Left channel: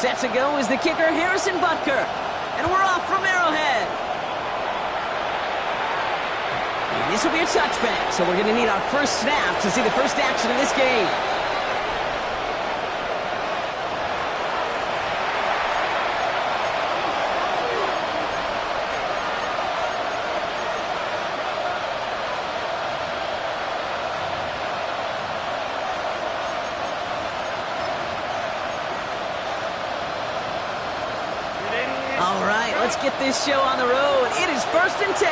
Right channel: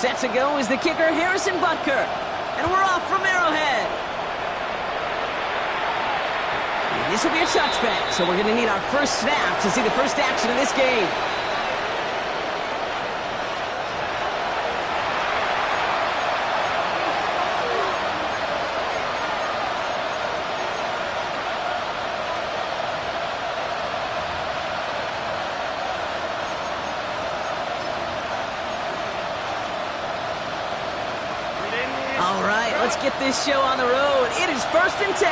Set to go is the kicker, Harrison Butker. And we're off from Arrowhead. And this will be a touchback, so we're going to need our first snap to see the first action of this game. All right, let's get this show on the road. It is 1st and 10.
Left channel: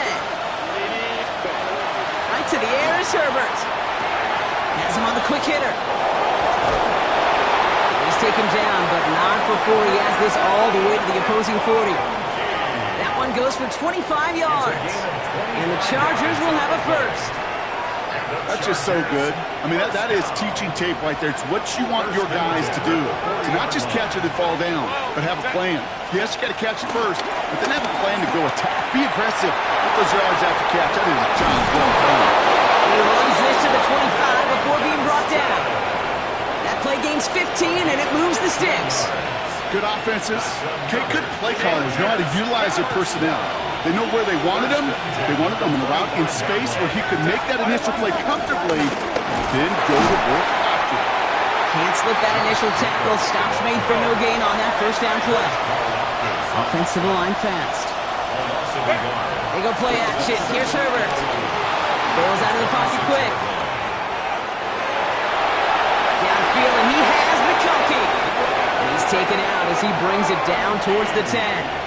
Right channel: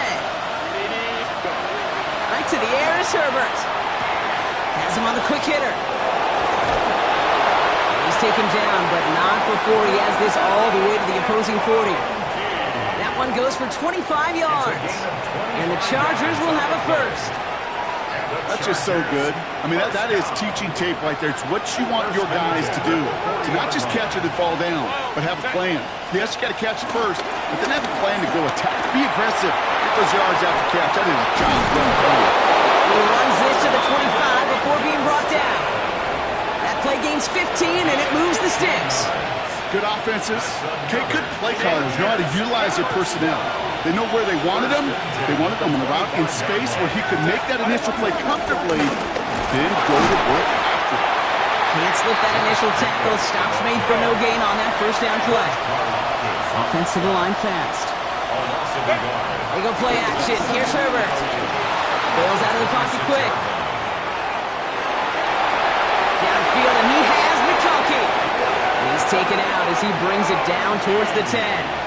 Right to the air is Herbert. Has him on the quick hitter. He's taken down, but not before he has this all the way to the opposing 40. That one goes for 25 yards. And the Chargers will have a first. That's just so good. I mean, that is teaching tape right there. It's what you want your guys to do. To not just catch it and fall down, but have a plan. Yes, you got to catch it first, but then have a plan to go attack. Be aggressive. Get those yards after catch. That is a job well done. He runs this to the 25 before being brought down. That play gains 15, and it moves the sticks. Good offenses. Okay, good play callers know how to utilize their personnel. They know where they wanted him. They wanted him in a route in space where he could make that initial play comfortably, then go to work after. Can't slip that initial tackle. Stops made for no gain on that first down play. Offense to the line fast. They go play action. Here's Herbert. Bails out of the pocket quick. Downfield, and he has McConkey. And he's taken out as he brings it down towards the 10.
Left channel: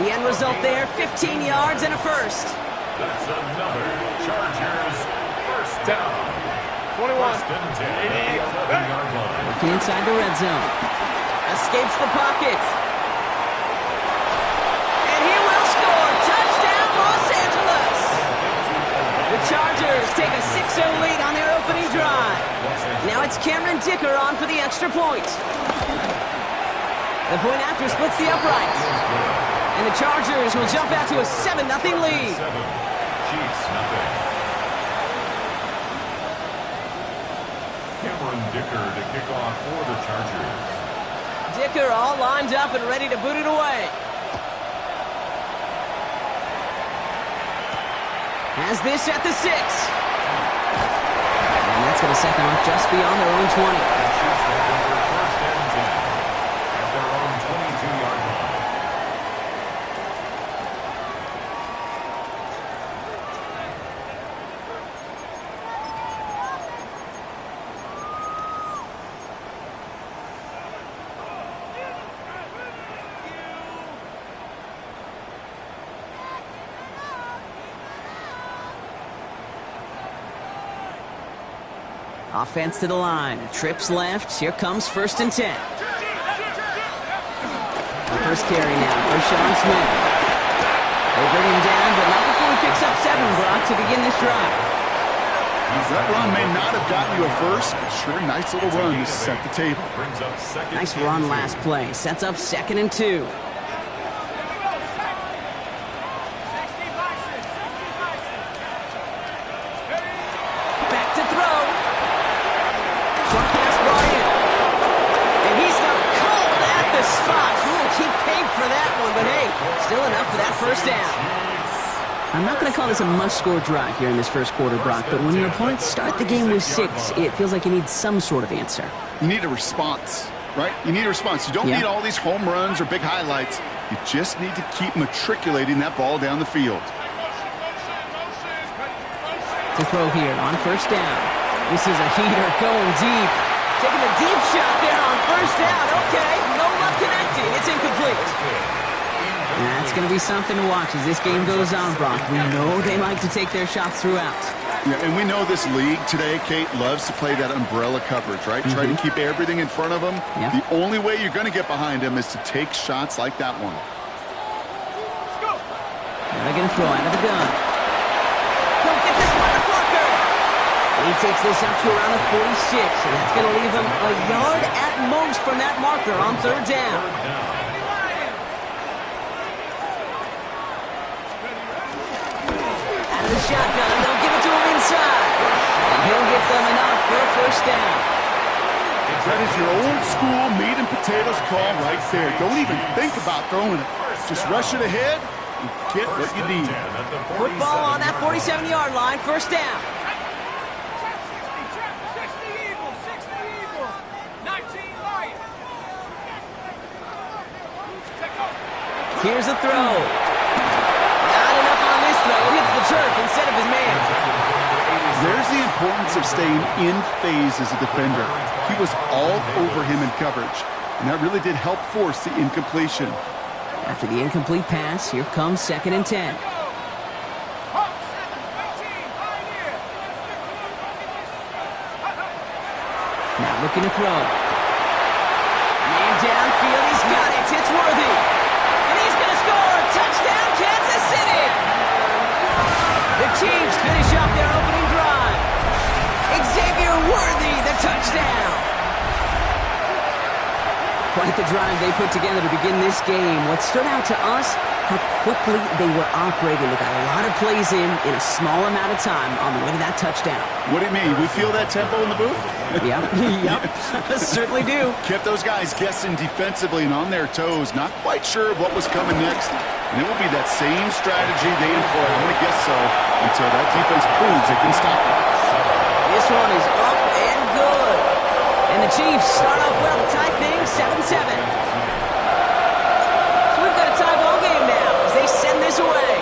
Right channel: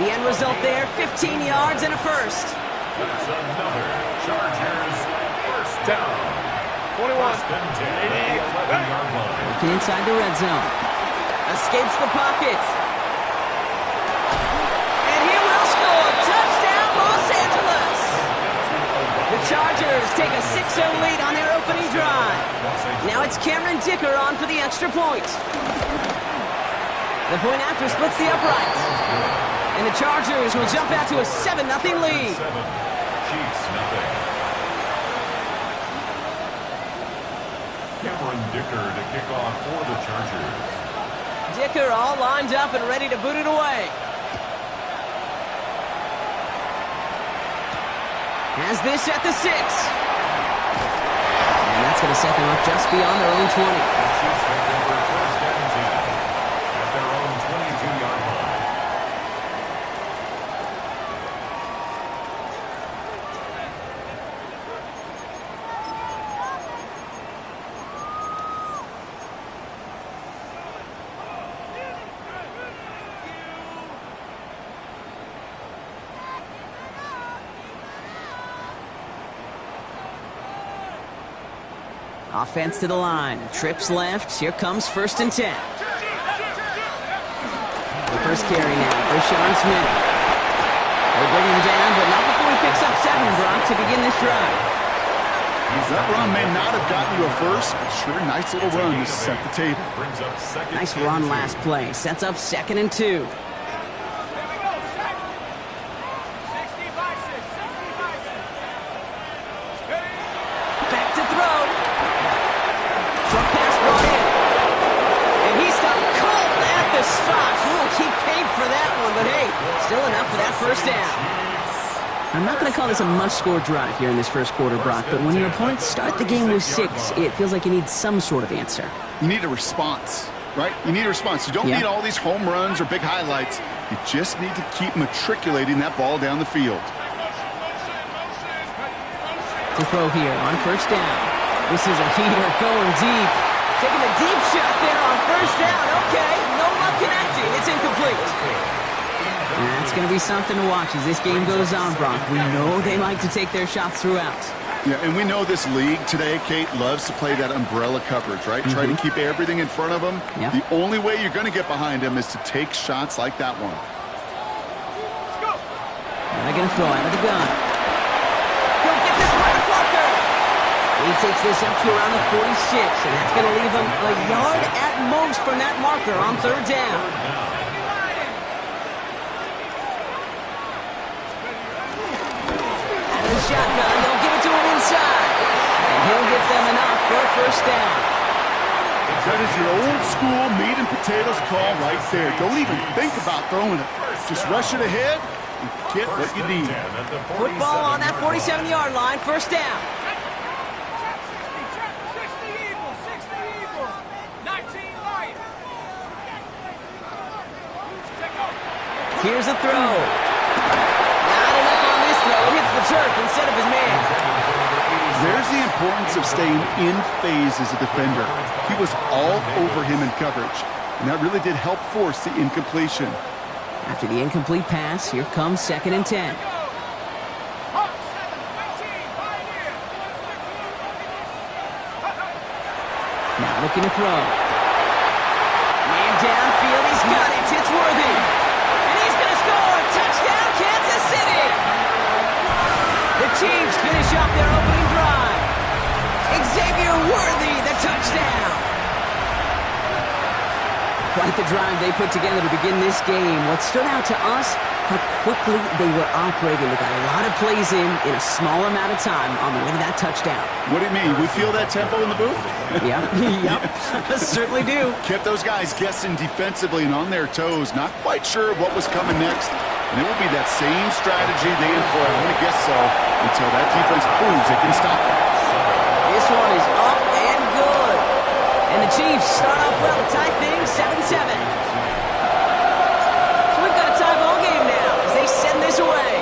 The end result there, 15 yards and a first. That's another Chargers first down. 21. First and 10 at the 11-yard line. Working inside the red zone. Escapes the pocket. And he will score. Touchdown, Los Angeles. The Chargers take a 6-0 lead on their opening drive. Now it's Cameron Dicker on for the extra point. The point after splits the uprights. And the Chargers will jump out to a 7-0 lead. 7, Chiefs nothing. Cameron Dicker to kick off for the Chargers. Dicker all lined up and ready to boot it away. Has this at the 6. And that's going to set them up just beyond their own 20. The Chiefs take over first and 10 at their own 22-yard line. Offense to the line. Trips left. Here comes 1st and 10. The first carry now for Sean Smith. They bring him down, but not before he picks up 7, Brock, to begin this drive. That run may not have gotten you a first, but sure, nice little run to set the table. Brings up second. Nice run last play. Sets up 2nd and 2. Back to throw. Short pass brought in. And he stopped cold at the spot. Ooh, he paid for that one, but hey, still enough for that first down. I'm not going to call this a must-score drive here in this first quarter, Brock, but when your opponents start the game with 6, it feels like you need some sort of answer. You need a response, right? You need a response. You don't need all these home runs or big highlights. You just need to keep matriculating that ball down the field. To throw here on first down. This is a heater going deep. Taking a deep shot there on first down. Okay, no luck connecting. It's incomplete. That's going to be something to watch as this game goes on, Brock. We know they like to take their shots throughout. Yeah, and we know this league today, Kate, loves to play that umbrella coverage, right? Try to keep everything in front of them. Yep. The only way you're going to get behind them is to take shots like that one. And they're going to throw out of the gun. He'll get this one to Parker. He takes this up to around the 46, and that's going to leave him a yard at most from that marker on 3rd down. Out of the shotgun, they'll give it to him inside. And he'll get them enough for a first down. That is your old school meat and potatoes call right there. Don't even think about throwing it. Just rush it ahead and get what you need. Football on that 47-yard line, first down. Here's a throw. Not enough on this throw. It hits the turf instead of his man. There's the importance of staying in phase as a defender. He was all over him in coverage, and that really did help force the incompletion. After the incomplete pass, here comes 2nd and 10. Now looking to throw. Man downfield, he's got it. It's Worthy. And he's going to score. Touchdown, Kansas City. The Chiefs finish off their opening drive. Xavier Worthy, the touchdown. Quite the drive they put together to begin this game. What stood out to us, how quickly they were operating. They got a lot of plays in a small amount of time on the way to that touchdown. What do you mean? We feel that tempo in the booth? Yep, certainly do. Kept those guys guessing defensively and on their toes, not quite sure of what was coming next. And it will be that same strategy they employ, I'm going to guess so, until that defense proves it can stop them. This one is up and good. And the Chiefs start off well to tie things 7-7. So we've got a tie ball game now as they send this away.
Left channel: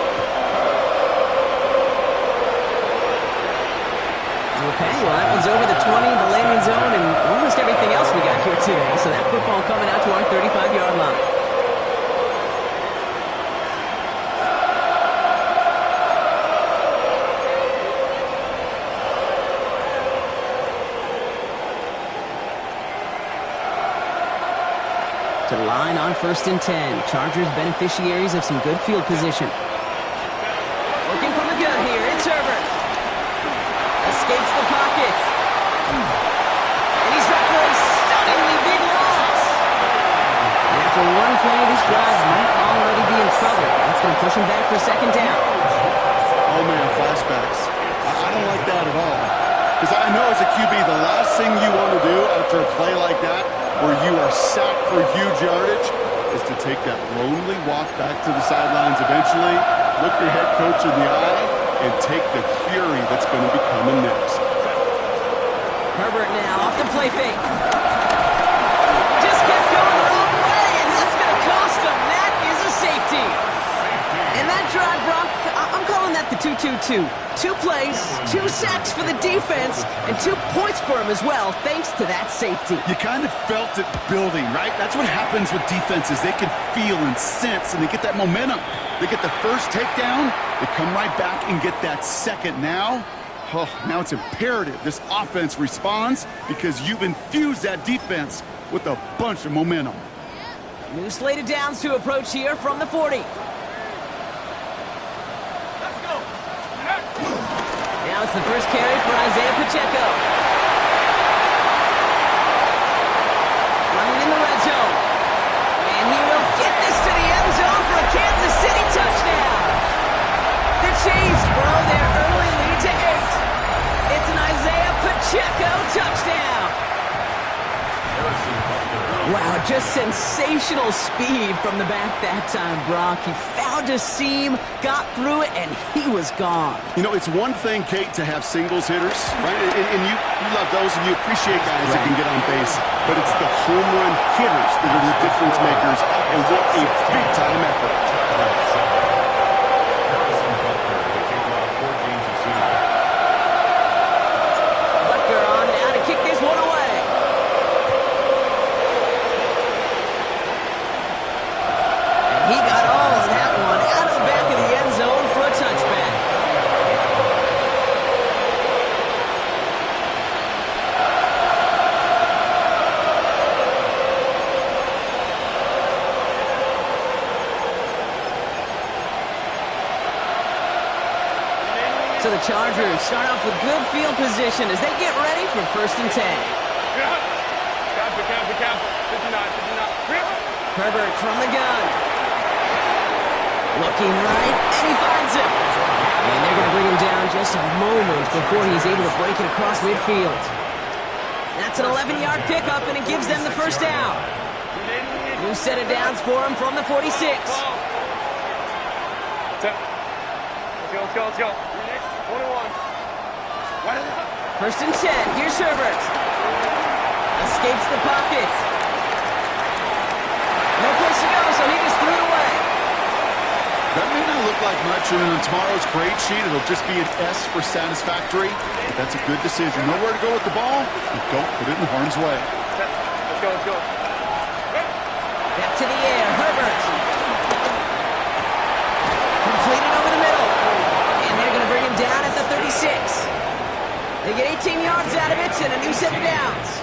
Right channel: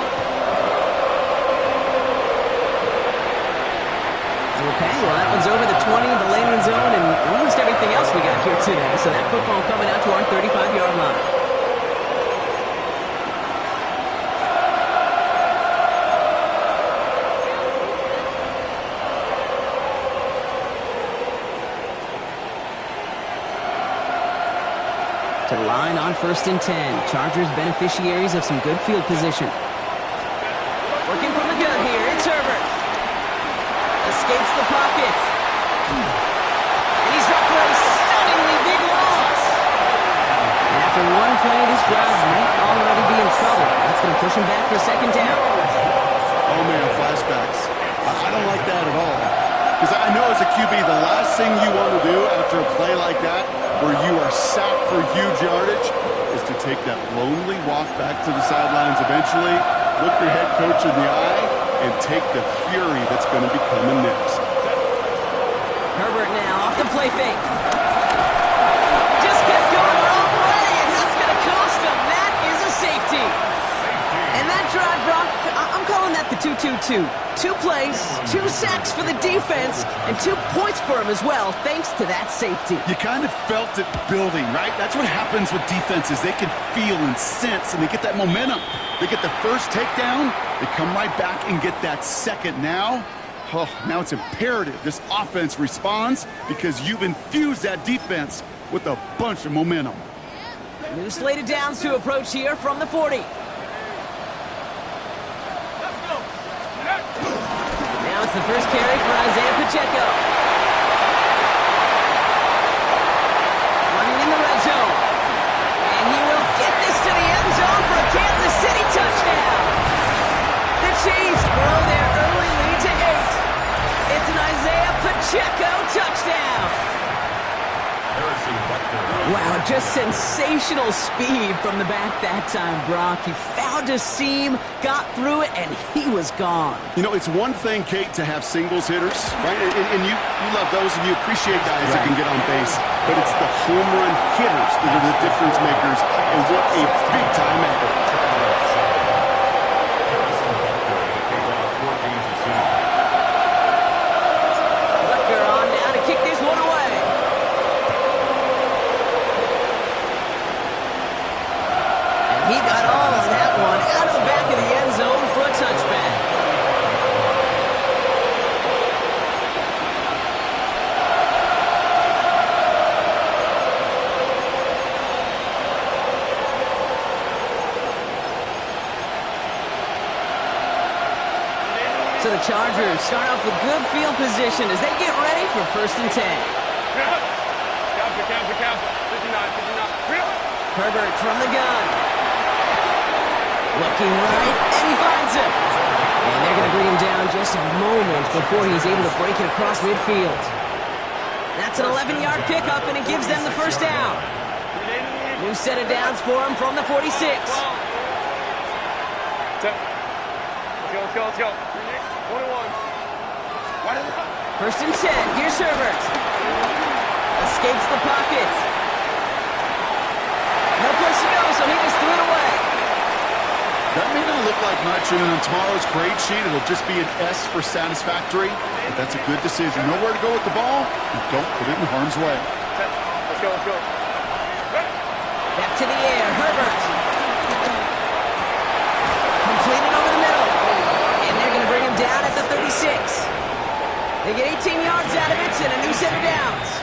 Okay, well that one's over the 20, the landing zone, and almost everything else we got here today. So that football coming out to our 35-yard line. To the line on 1st and 10. Chargers beneficiaries of some good field position. Working from the gun here, it's Herbert. Escapes the pocket. And he's dropped for a stunningly big loss. And after one play, this drive might already be in trouble. That's going to push him back for 2nd down. Oh, man, flashbacks. I don't like that at all. Because I know as a QB, the last thing you want to do after a play like that, where you are sacked for huge yardage, is to take that lonely walk back to the sidelines eventually, look your head coach in the eye, and take the fury that's going to be coming next. Herbert now off the play fake. Just kept going the wrong way, and that's going to cost him. That is a safety. And that drive, Brock, I'm calling that the 2-2-2. 2 plays, 2 sacks for the defense, and 2 points for him as well, thanks to that safety. You kind of felt it building, right? That's what happens with defenses. They can feel and sense, and they get that momentum. They get the first takedown, they come right back and get that second. Now it's imperative this offense responds because you've infused that defense with a bunch of momentum. New slate of downs to approach here from the 40. Now it's the first carry for Isaiah Pacheco. Running in the red zone. And he will get this to the end zone for a Kansas City touchdown. The Chiefs grow their early lead to 8. It's an Isaiah Pacheco touchdown. Wow, just sensational speed from the back that time, Brock. He found a seam, got through it, and he was gone. You know, it's one thing, Kate, to have singles hitters, right? And you love those, and you appreciate guys that can get on base. But it's the home run hitters that are the difference makers, and what a big-time effort. Butker on now to kick this one away. He got all of that one out of the back of the end zone for a touchback. So the Chargers start off with good field position as they get ready for 1st and 10. Herbert from the gun. Looking right, and he finds him. And they're going to bring him down just a moment before he's able to break it across midfield. That's an 11-yard pickup, and it gives them the first down. New set of downs for him from the 46. Let's go. 21. First and 10. Here's Herbert. Escapes the pocket. No place to go, so he just threw it away. That may not look like much, and on tomorrow's grade sheet, it'll just be an S for satisfactory. But that's a good decision. Nowhere to go with the ball, and don't put it in harm's way. Let's go. Back to the air, Herbert. Completed over the middle. And they're going to bring him down at the 36. They get 18 yards out of it and a new set of downs.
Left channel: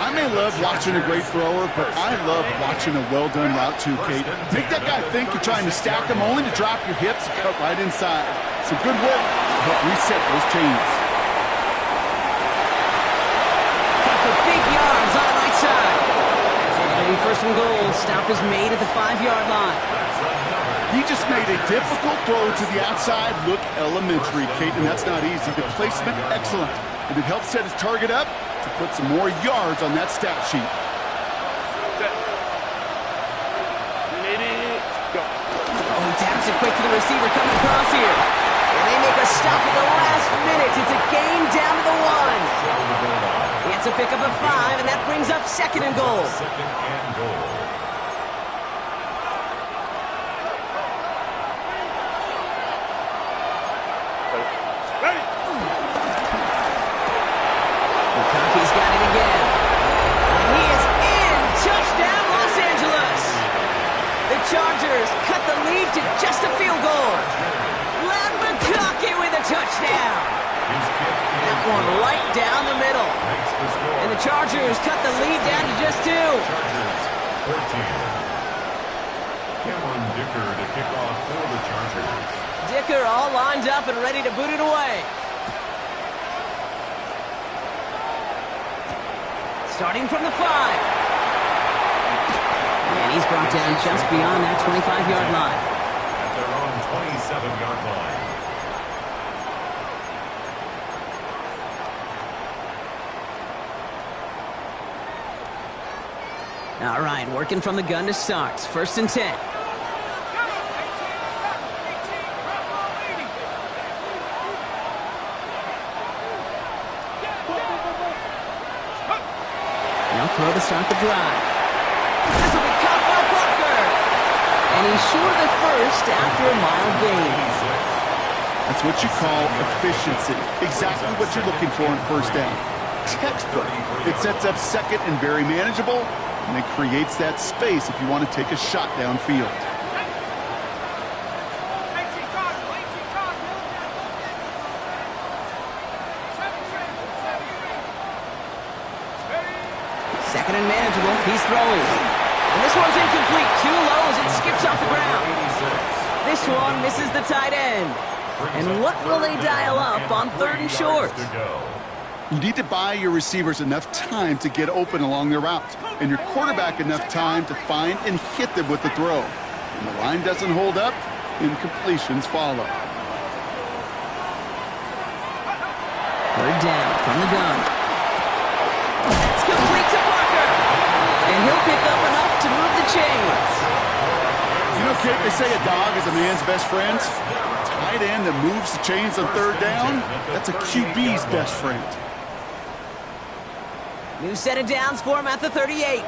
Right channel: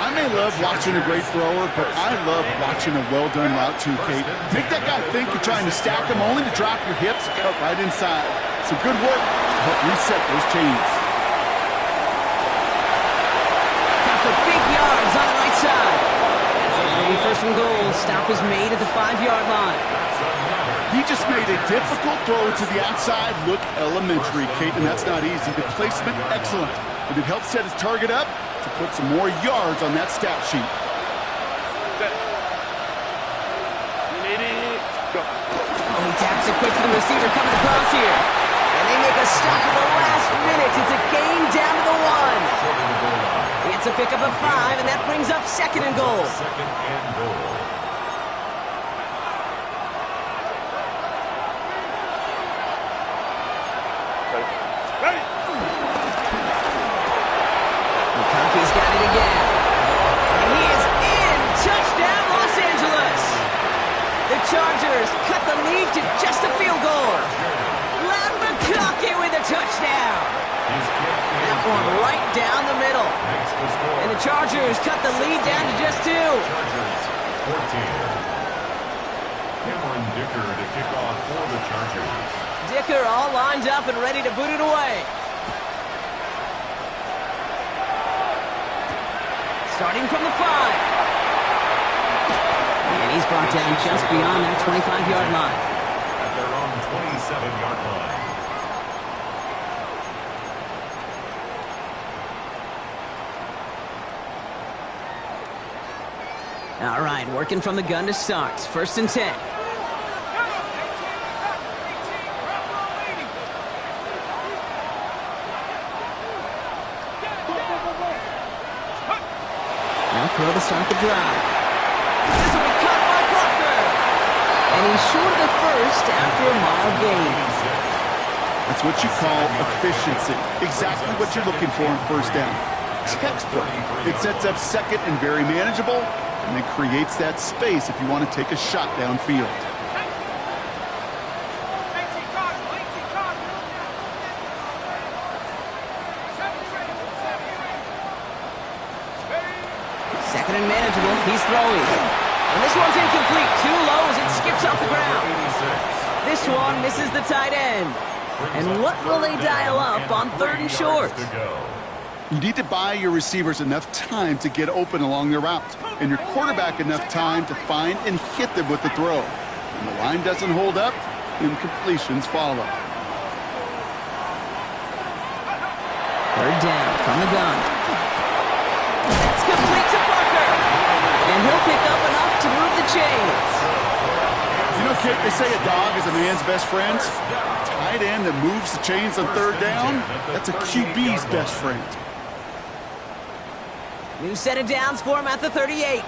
I may love watching a great thrower, but I love watching a well-done route too, Kate. Make that guy think you're trying to stack him only to drop your hips and cut right inside. Some good work to help reset those chains. Cut for big yards on the right side. It'll be first and goal. Stop is made at the 5-yard line. He just made a difficult throw to the outside look elementary, Kate, and that's not easy. The placement, excellent. And it helped set his target up to put some more yards on that stat sheet. Oh, he taps it quick to the receiver coming across here. And they make a stop at the last minute. It's a game down to the 1. It's a pickup of 5, and that brings up second and goal. McConkey's got it again. And he is in. Touchdown, Los Angeles. The Chargers cut the lead to just a field goal. Len McConkey with a touchdown. That one right down the middle. And the Chargers cut the lead down to just 2. Chargers 14. Cameron Dicker to kick off for the Chargers. Dicker all lined up and ready to boot it away. Starting from the 5. And he's brought down just beyond that 25-yard line. At their own 27-yard line. All right, working from the gun to start. First and 10. Now throw to start the drive. This will be caught by Parker. And he's short of the first after a mile gain. That's what you call efficiency. Exactly what you're looking for in first down. Textbook. It sets up second and very manageable, and it creates that space if you want to take a shot downfield. Second and manageable. He's throwing. And this one's incomplete. Too low as it skips off the ground. This one misses the tight end. And what will they dial up on third and short? You need to buy your receivers enough time to get open along their route, and your quarterback enough time to find and hit them with the throw. When the line doesn't hold up, incompletions follow. Third down from the gun. That's complete to Parker. And he'll pick up enough to move the chains. You know, Kate, they say a dog is a man's best friend. Tight end that moves the chains on third down, that's a QB's best friend. New set of downs for him at the 38.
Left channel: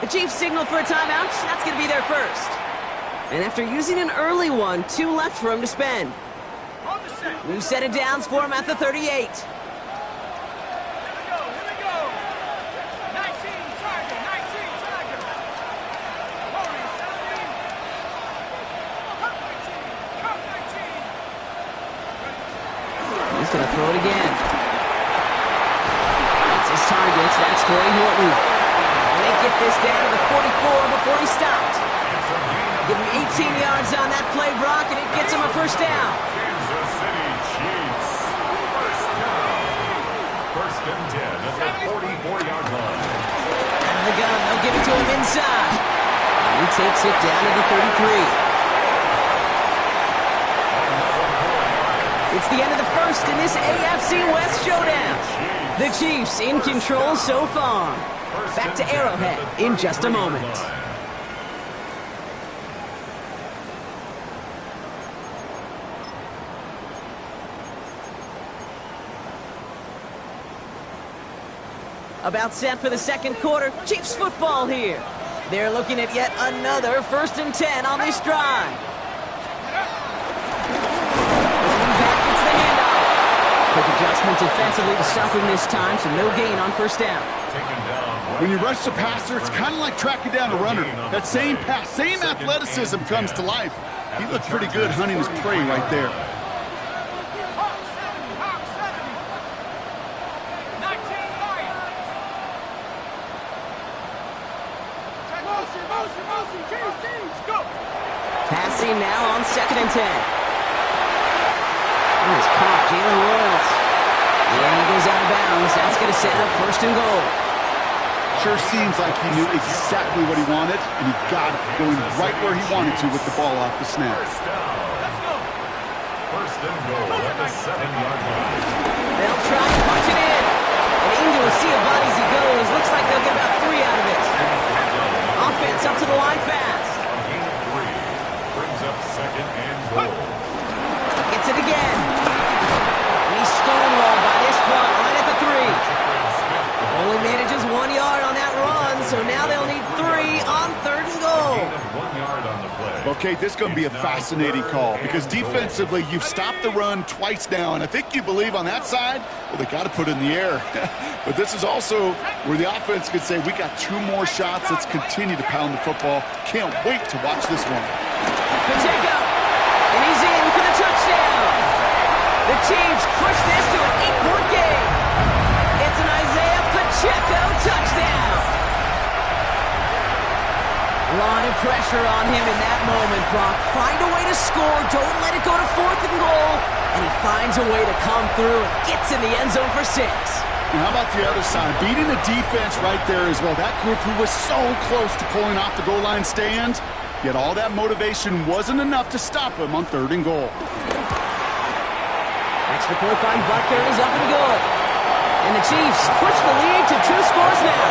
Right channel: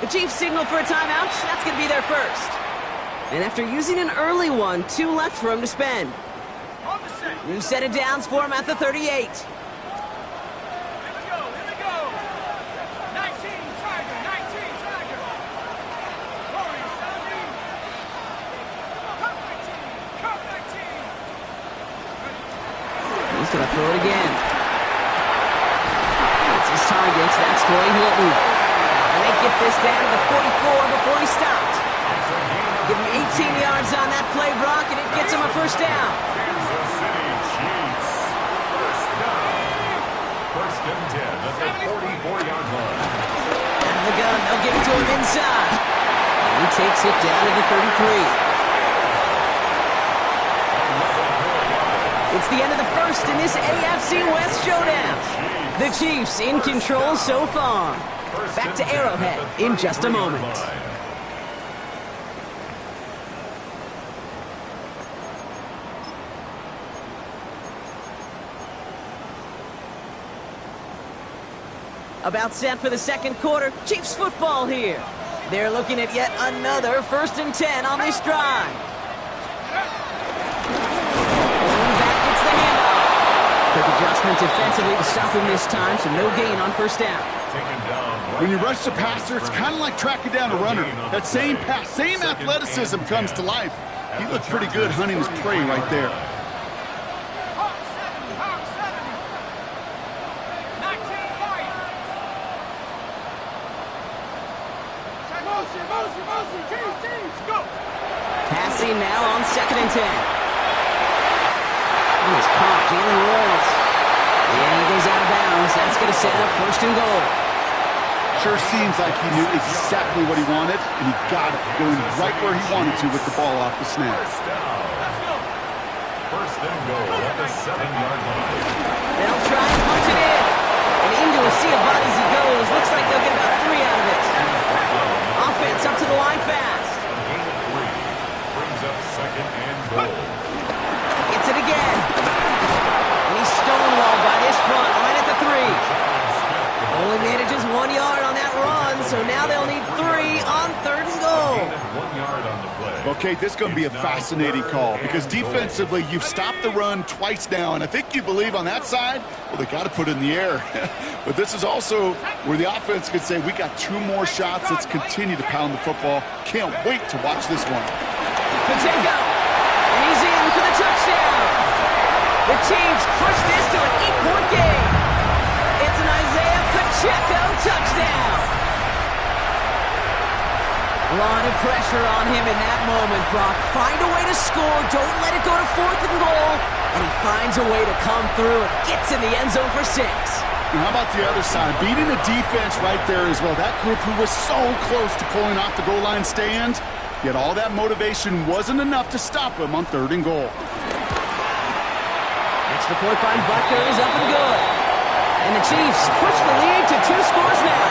The Chiefs signal for a timeout. That's going to be their first. And after using an early one, 2 left for him to spend. New set of downs for him at the 38. Here we go. 19, Tiger. Warriors, 17. Come 19. He's going to throw it again. It's his target. That's Torrey Hilton. And they get this down to the 44 before he stopped. Give him 18 yards on that play, Brock, and it gets him a first down. Kansas City Chiefs. First down. First and 10 at the 44-yard line. That the gun. They'll give it to him inside. And he takes it down to the 33. It's the end of the first in this AFC West showdown. The Chiefs in control so far. Back to Arrowhead in just a moment. About set for the second quarter. Chiefs football here. They're looking at yet another 1st and 10 on this drive. Going back, it's the handoff. Quick adjustment defensively to stop him this time, so no gain on 1st down. When you rush the passer, it's kind of like tracking down a runner. That same pass, same athleticism comes to life. He looked pretty good hunting his prey right there. Hawk 70, Hawk 70. 19 Lions. Motion, Chiefs, go. Passing now on 2nd and 10. Nice caught, Jalen Royals. And he goes out of bounds. That's going to set up 1st and goal. Sure seems like he knew exactly what he wanted, and he got it, going right where he wanted to with the ball off the snap. Let's go. 1st and goal at the 7-yard line. They'll try and punch it in. And into a sea of bodies he goes. Looks like they'll get about 3 out of it. Offense up to the line fast. A gain of 3 brings up 2nd and goal. Gets it again. And he's stonewalled by this front right at the 3. Only manages 1 yard on that run, so now they'll need 3 on 3rd and goal. A gain of 1 yard on the play. Okay, this is going to be a fascinating call because defensively, you've stopped the run twice now, and I think you believe on that side, well, they got to put it in the air. But this is also where the offense could say, we got 2 more shots. Let's continue to pound the football. Can't wait to watch this one. Pacheco, and he's in for the touchdown. The Chiefs push this to an 8-point game. It's an Isaiah Pacheco touchdown. A lot of pressure on him in that moment, Brock. Find a way to score. Don't let it go to 4th and goal. And he finds a way to come through and gets in the end zone for 6. And how about the other side? Beating the defense right there as well. That group who was so close to pulling off the goal line stand, yet all that motivation wasn't enough to stop him on 3rd and goal. Extra point by Butker is up and good. And the Chiefs push the lead to 2 scores now.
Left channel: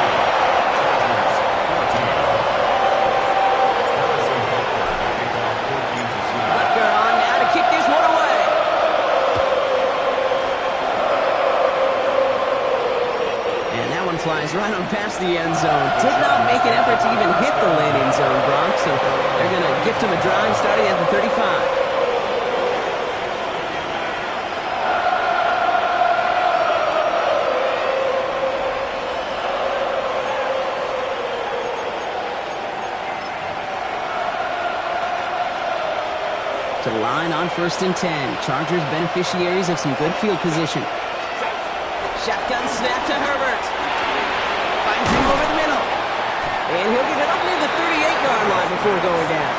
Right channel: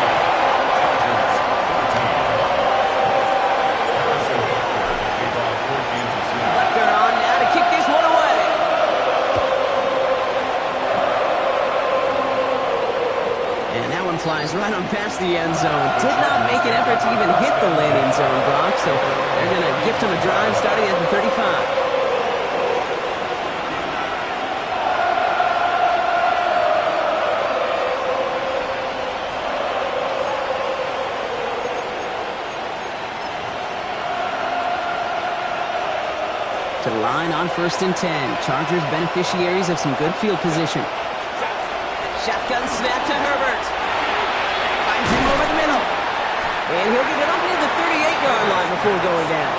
Butker on now to kick this one away. And that one flies right on past the end zone. Did not make an effort to even hit the landing zone, Brock. So they're going to gift him a drive starting at the 35. To the line on 1st and 10. Chargers beneficiaries of some good field position. Shotgun snap to Herbert. Finds him over the middle. And he'll get it up near the 38-yard line before going down.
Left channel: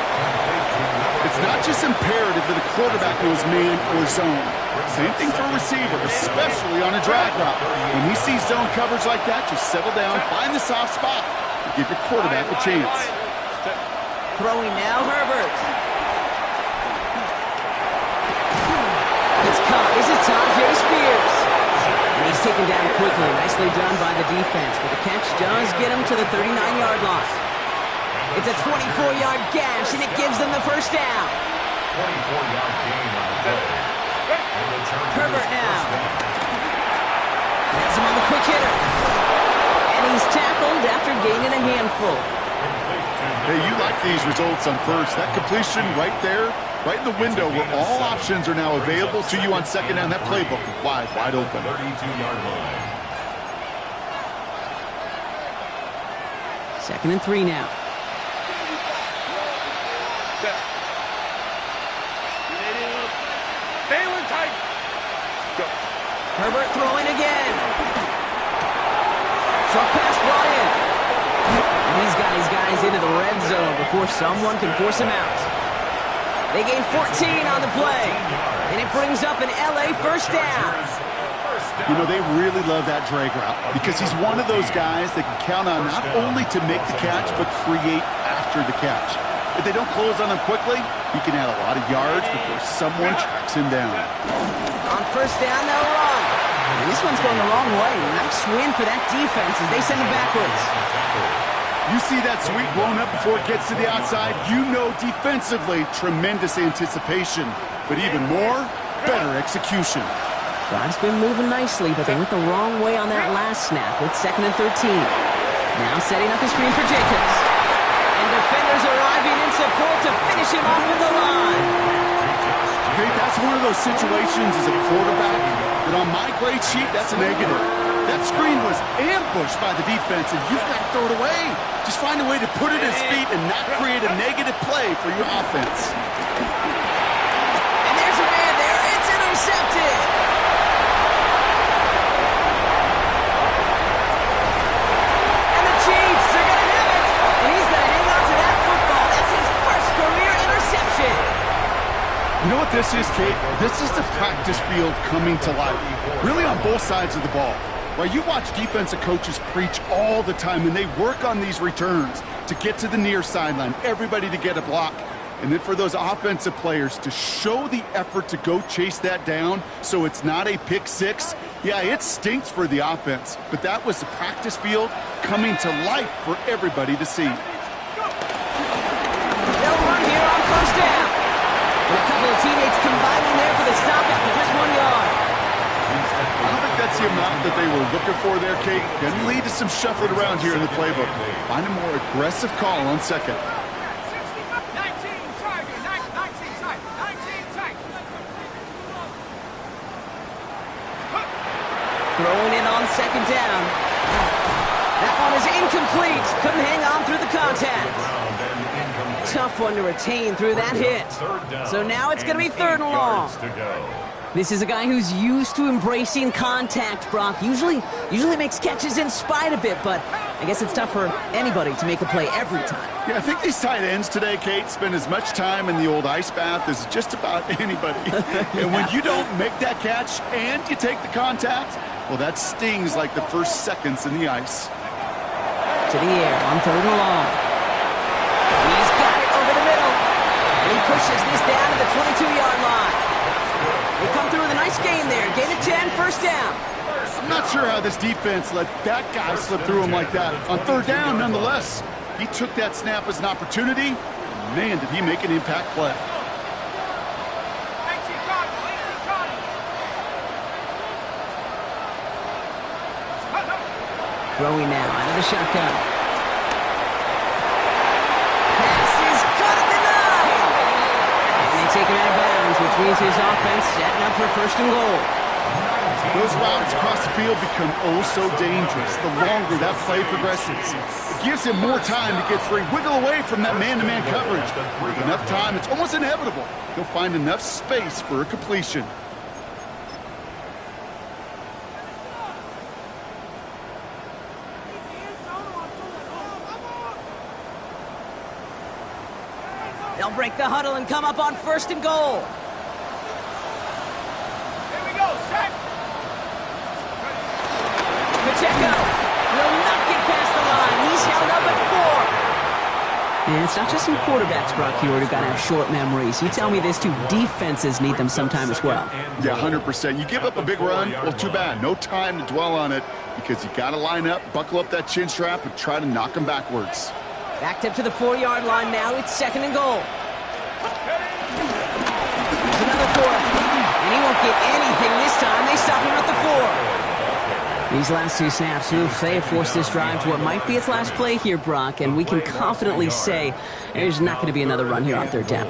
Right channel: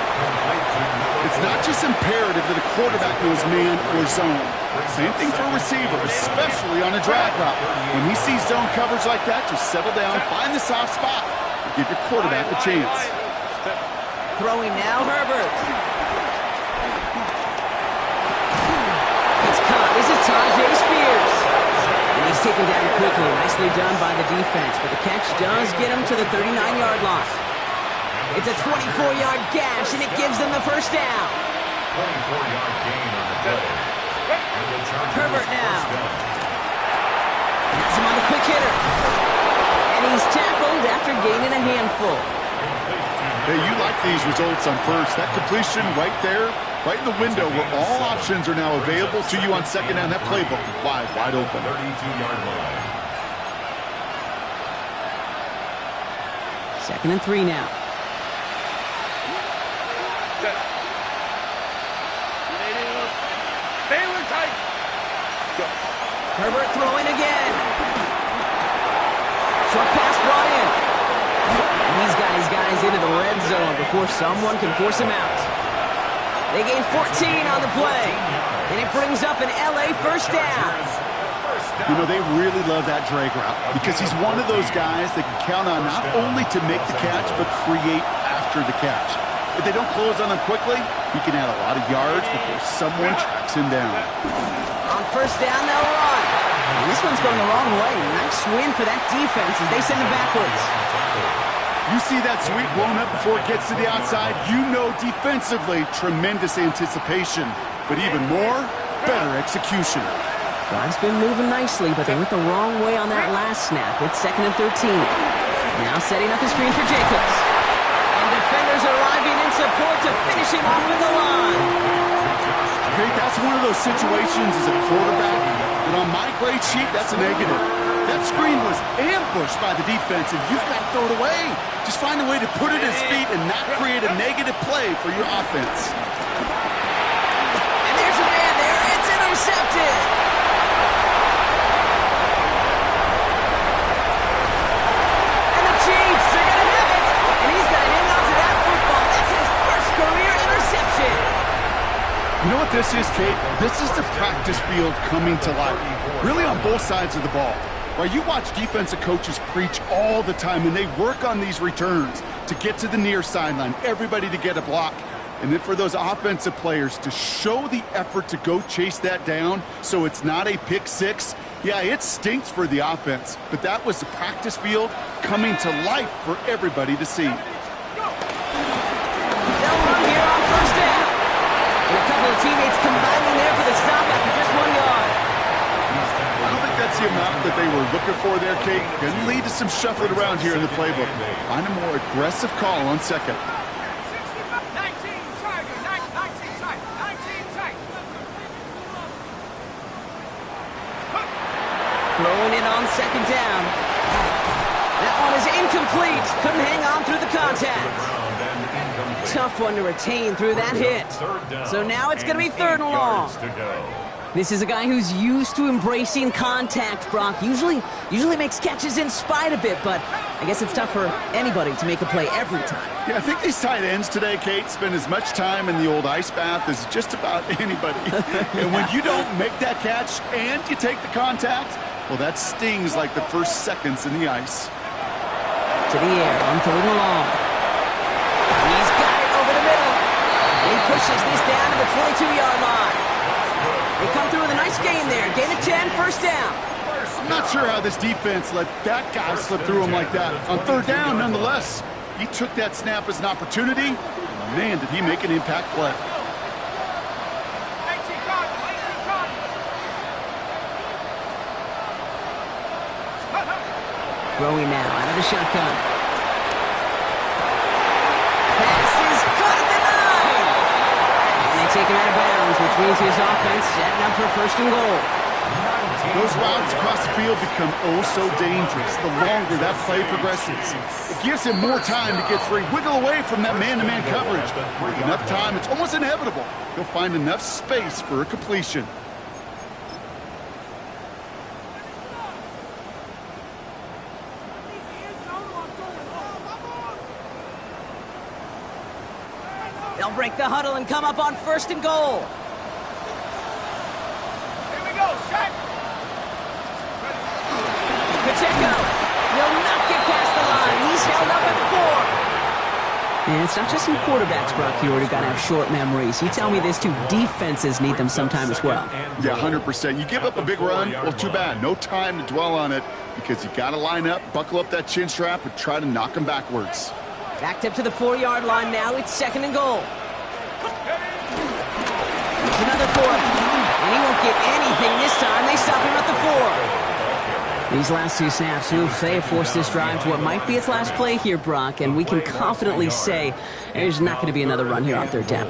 It's not just imperative that a quarterback knows man or zone. Same thing for a receiver, especially on a drag route. When he sees zone coverage like that, just settle down, find the soft spot, and give your quarterback a chance. Throwing now, Herbert. It's caught. This is Tajay Spears. And he's taken down quickly. Nicely done by the defense. But the catch does get him to the 39-yard line. It's a 24-yard gash, and it gives them the 1st down. 24-yard gain on the play. And the Chargers Herbert now. Has him on the quick hitter. And he's tackled after gaining a handful. Hey, you like these results on 1st. That completion right there, right in the window where all options are now available to you on 2nd down. That playbook wide open. 32-yard line. 2nd and 3 now. Baylor tight. Go. Herbert throwing again. Short pass brought in. And he's got his guys into the red zone before someone can force him out. They gain 14 on the play. And it brings up an LA 1st down. You know, they really love that drag route because he's one of those guys that can count on not only to make the catch, but create after the catch. If they don't close on him quickly, he can add a lot of yards before someone tracks him down. On first down, they'll run. And this one's going the wrong way. Nice win for that defense as they send him backwards. You see that sweep blown up before it gets to the outside, you know defensively, tremendous anticipation. But even more, better execution. Drive's been moving nicely, but they went the wrong way on that last snap. It's 2nd and 13. Now setting up the screen for Jacobs. And defenders arriving in support to finish him off at the line. Okay, that's one of those situations as a quarterback that on my grade sheet, that's a negative. That screen was ambushed by the defense, and you've got to throw it away. Just find a way to put it at his feet and not create a negative play for your offense. And there's a man there. It's intercepted. And the Chiefs are going to have it. And he's going to hang on to that football. That's his first career interception. You know what this is, Kate? This is the practice field coming to life. Really on both sides of the ball. Right, you watch defensive coaches preach all the time, and they work on these returns to get to the near sideline, everybody to get a block. And then for those offensive players to show the effort to go chase that down so it's not a pick six, yeah, it stinks for the offense. But that was the practice field coming to life for everybody to see. They'll run here on first down. And a couple of teammates combining there for the stop after just 1 yard. I don't think that's the amount that they were looking for there, Kate. Going to lead to some shuffling around here in the playbook. Find a more aggressive call on second. 19 Tiger, 19 tight, 19 tight. Throwing it on second down. That one is incomplete. Couldn't hang on through the contact. Tough one to retain through that hit. So now it's going to be 3rd and long. This is a guy who's used to embracing contact, Brock. Usually makes catches in spite of it, but I guess it's tough for anybody to make a play every time. Yeah, I think these tight ends today, Kate, spend as much time in the old ice bath as just about anybody. And when you don't make that catch and you take the contact, well, that stings like the first seconds in the ice. To the air on 3rd and long. He's got it over the middle. And he pushes this down to the 22-yard line. They come through with a nice gain there. Gain of 10, first down. I'm not sure how this defense let that guy slip through him like that. On 3rd down, nonetheless, he took that snap as an opportunity. And man, did he make an impact play. 18 Cardinal, 18 Cardinal. Throwing now out of the shotgun. Pass is caught at the 9. And they take him out of bounds, which means his offense setting up for 1st and goal. Those routes across the field become oh so dangerous the longer that play progresses. It gives him more time to get free, wiggle away from that man-to-man coverage. With enough time, it's almost inevitable. He'll find enough space for a completion. They'll break the huddle and come up on 1st and goal. Here we go, set. Pacheco will not get past the line. He's held up at 4. And it's not just you quarterbacks, Brock Hewitt, who got to have short memories. You tell me this too, defenses need them sometime as well. Yeah, 100%. You give up a big run, well, too bad. No time to dwell on it because you got to line up, buckle up that chin strap, and try to knock them backwards. Backed up to the 4-yard line now. It's 2nd and goal. There's another 4. And he won't get anything this time. They stop him at the 4. These last 2 snaps, they have forced this drive to what might be its last play here, Brock, and we can confidently say there's not going to be another run here on 3rd down.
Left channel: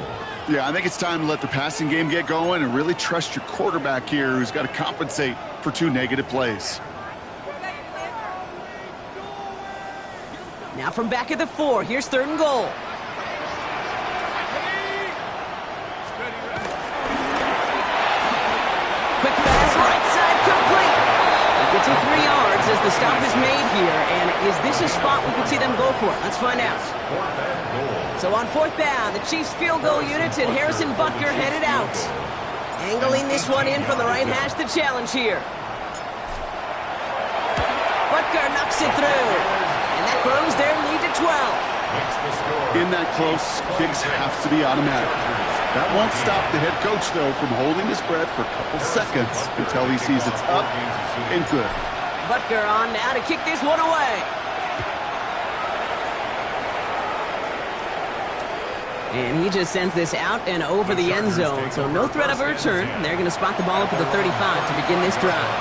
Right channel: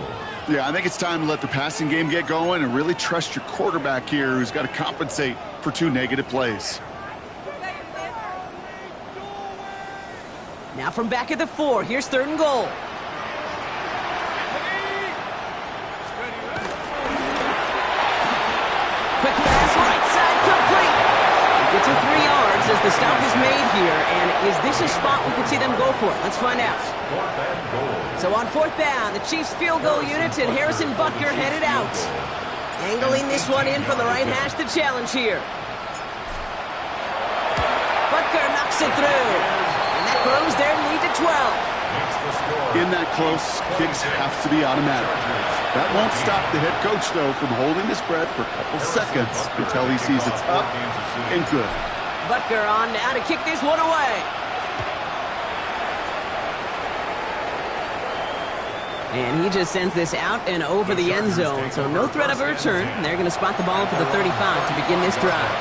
Yeah, I think it's time to let the passing game get going and really trust your quarterback here who's got to compensate for 2 negative plays. Now from back at the 4, here's 3rd and goal. Quick pass, right side, complete. He gets him 3 yards as the stop is made here. And is this a spot we could see them go for? Let's find out. So on 4th down, the Chiefs field goal unit and Harrison Butker headed out. Angling this one in from the right hash, the challenge here. Butker knocks it through. And that grows their lead to 12. In that close, kicks have to be automatic. That won't stop the head coach, though, from holding his breath for a couple seconds until he sees it's up and good. Butker on now to kick this one away. And he just sends this out and over the end zone, so no threat of a return. They're going to spot the ball up at the 35 to begin this drive.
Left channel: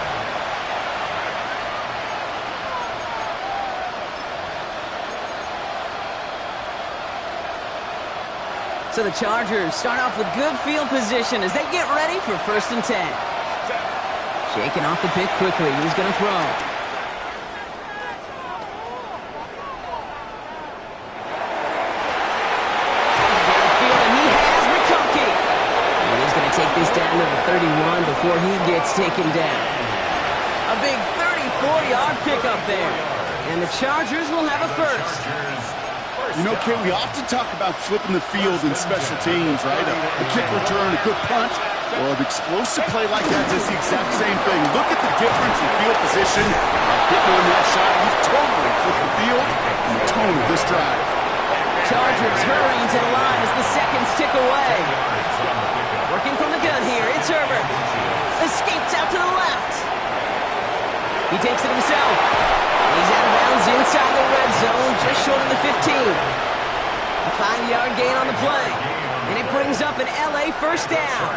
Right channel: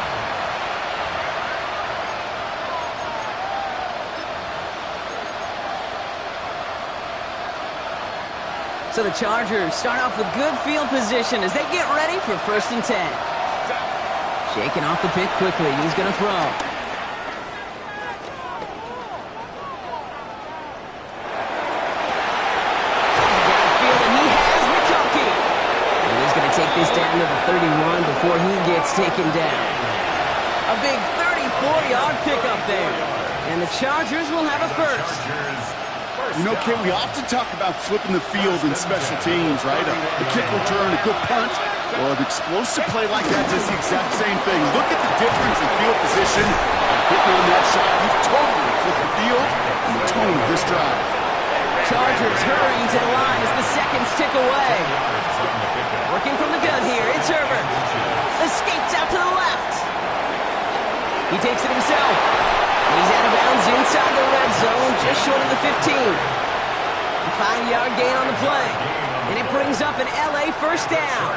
So the Chargers start off with good field position as they get ready for 1st and 10. Shaking off the pick quickly. He's going to throw. Downfield, and he has McConkey. And he's going to take this down to the 31 before he gets taken down. A big 34-yard pickup there. And the Chargers will have a first. You know, Kate, we often talk about flipping the field in special teams, right? A kick return, a good punt. Well, an explosive play like that does the exact same thing. Look at the difference in field position. Hitting on that shot, he's totally flipped the field and the tone of this drive. Chargers hurrying to the line as the seconds tick away. Working from the gun here, it's Herbert. Escapes out to the left. He takes it himself. He's out of bounds inside the red zone, just short of the 15. A 5-yard gain on the play. And it brings up an LA first down.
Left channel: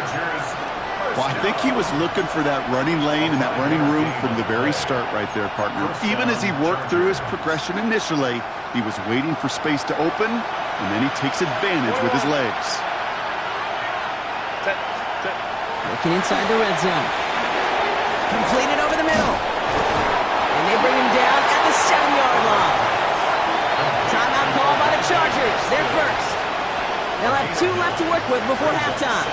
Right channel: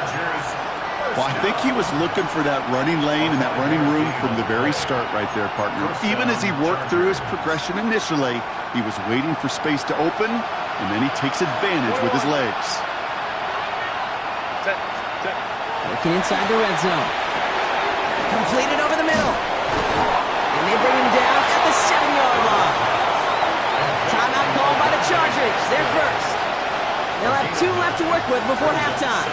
Well, I think he was looking for that running lane and that running room from the very start right there, partner. Even as he worked through his progression initially, he was waiting for space to open, and then he takes advantage with his legs. Looking inside the red zone. Completed over the middle. And they bring him down at the 7-yard line. Timeout called by the Chargers. They're first. They'll have 2 left to work with before halftime.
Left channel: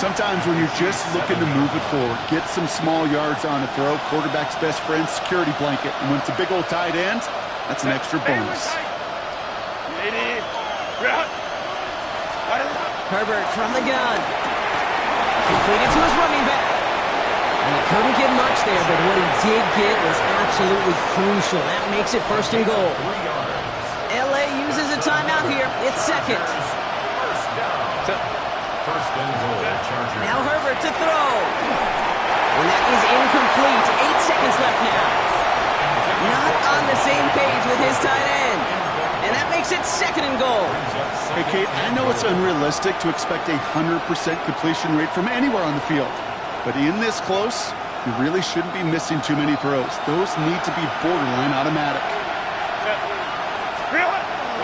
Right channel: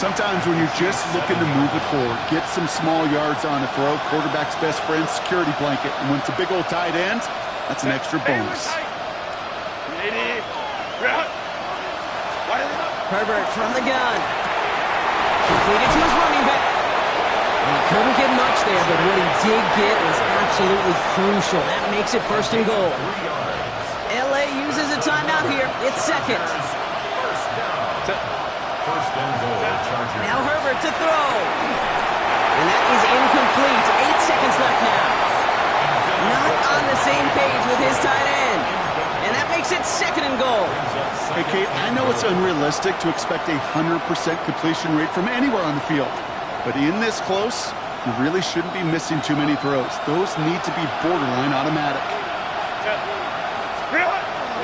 Sometimes when you're just looking to move it forward, get some small yards on a throw, quarterback's best friend, security blanket. And when it's a big old tight end, that's an extra bonus. Herbert from the gun. Completed to his running back. And he couldn't get much there, but what he did get was absolutely crucial. That makes it 1st and goal. LA uses a timeout here. It's second. First and goal, Chargers. Now Herbert to throw. And that is incomplete. 8 seconds left now. Not on the same page with his tight end. And that makes it 2nd and goal. Hey, Kate, I know it's unrealistic to expect a 100% completion rate from anywhere on the field. But in this close, you really shouldn't be missing too many throws. Those need to be borderline automatic.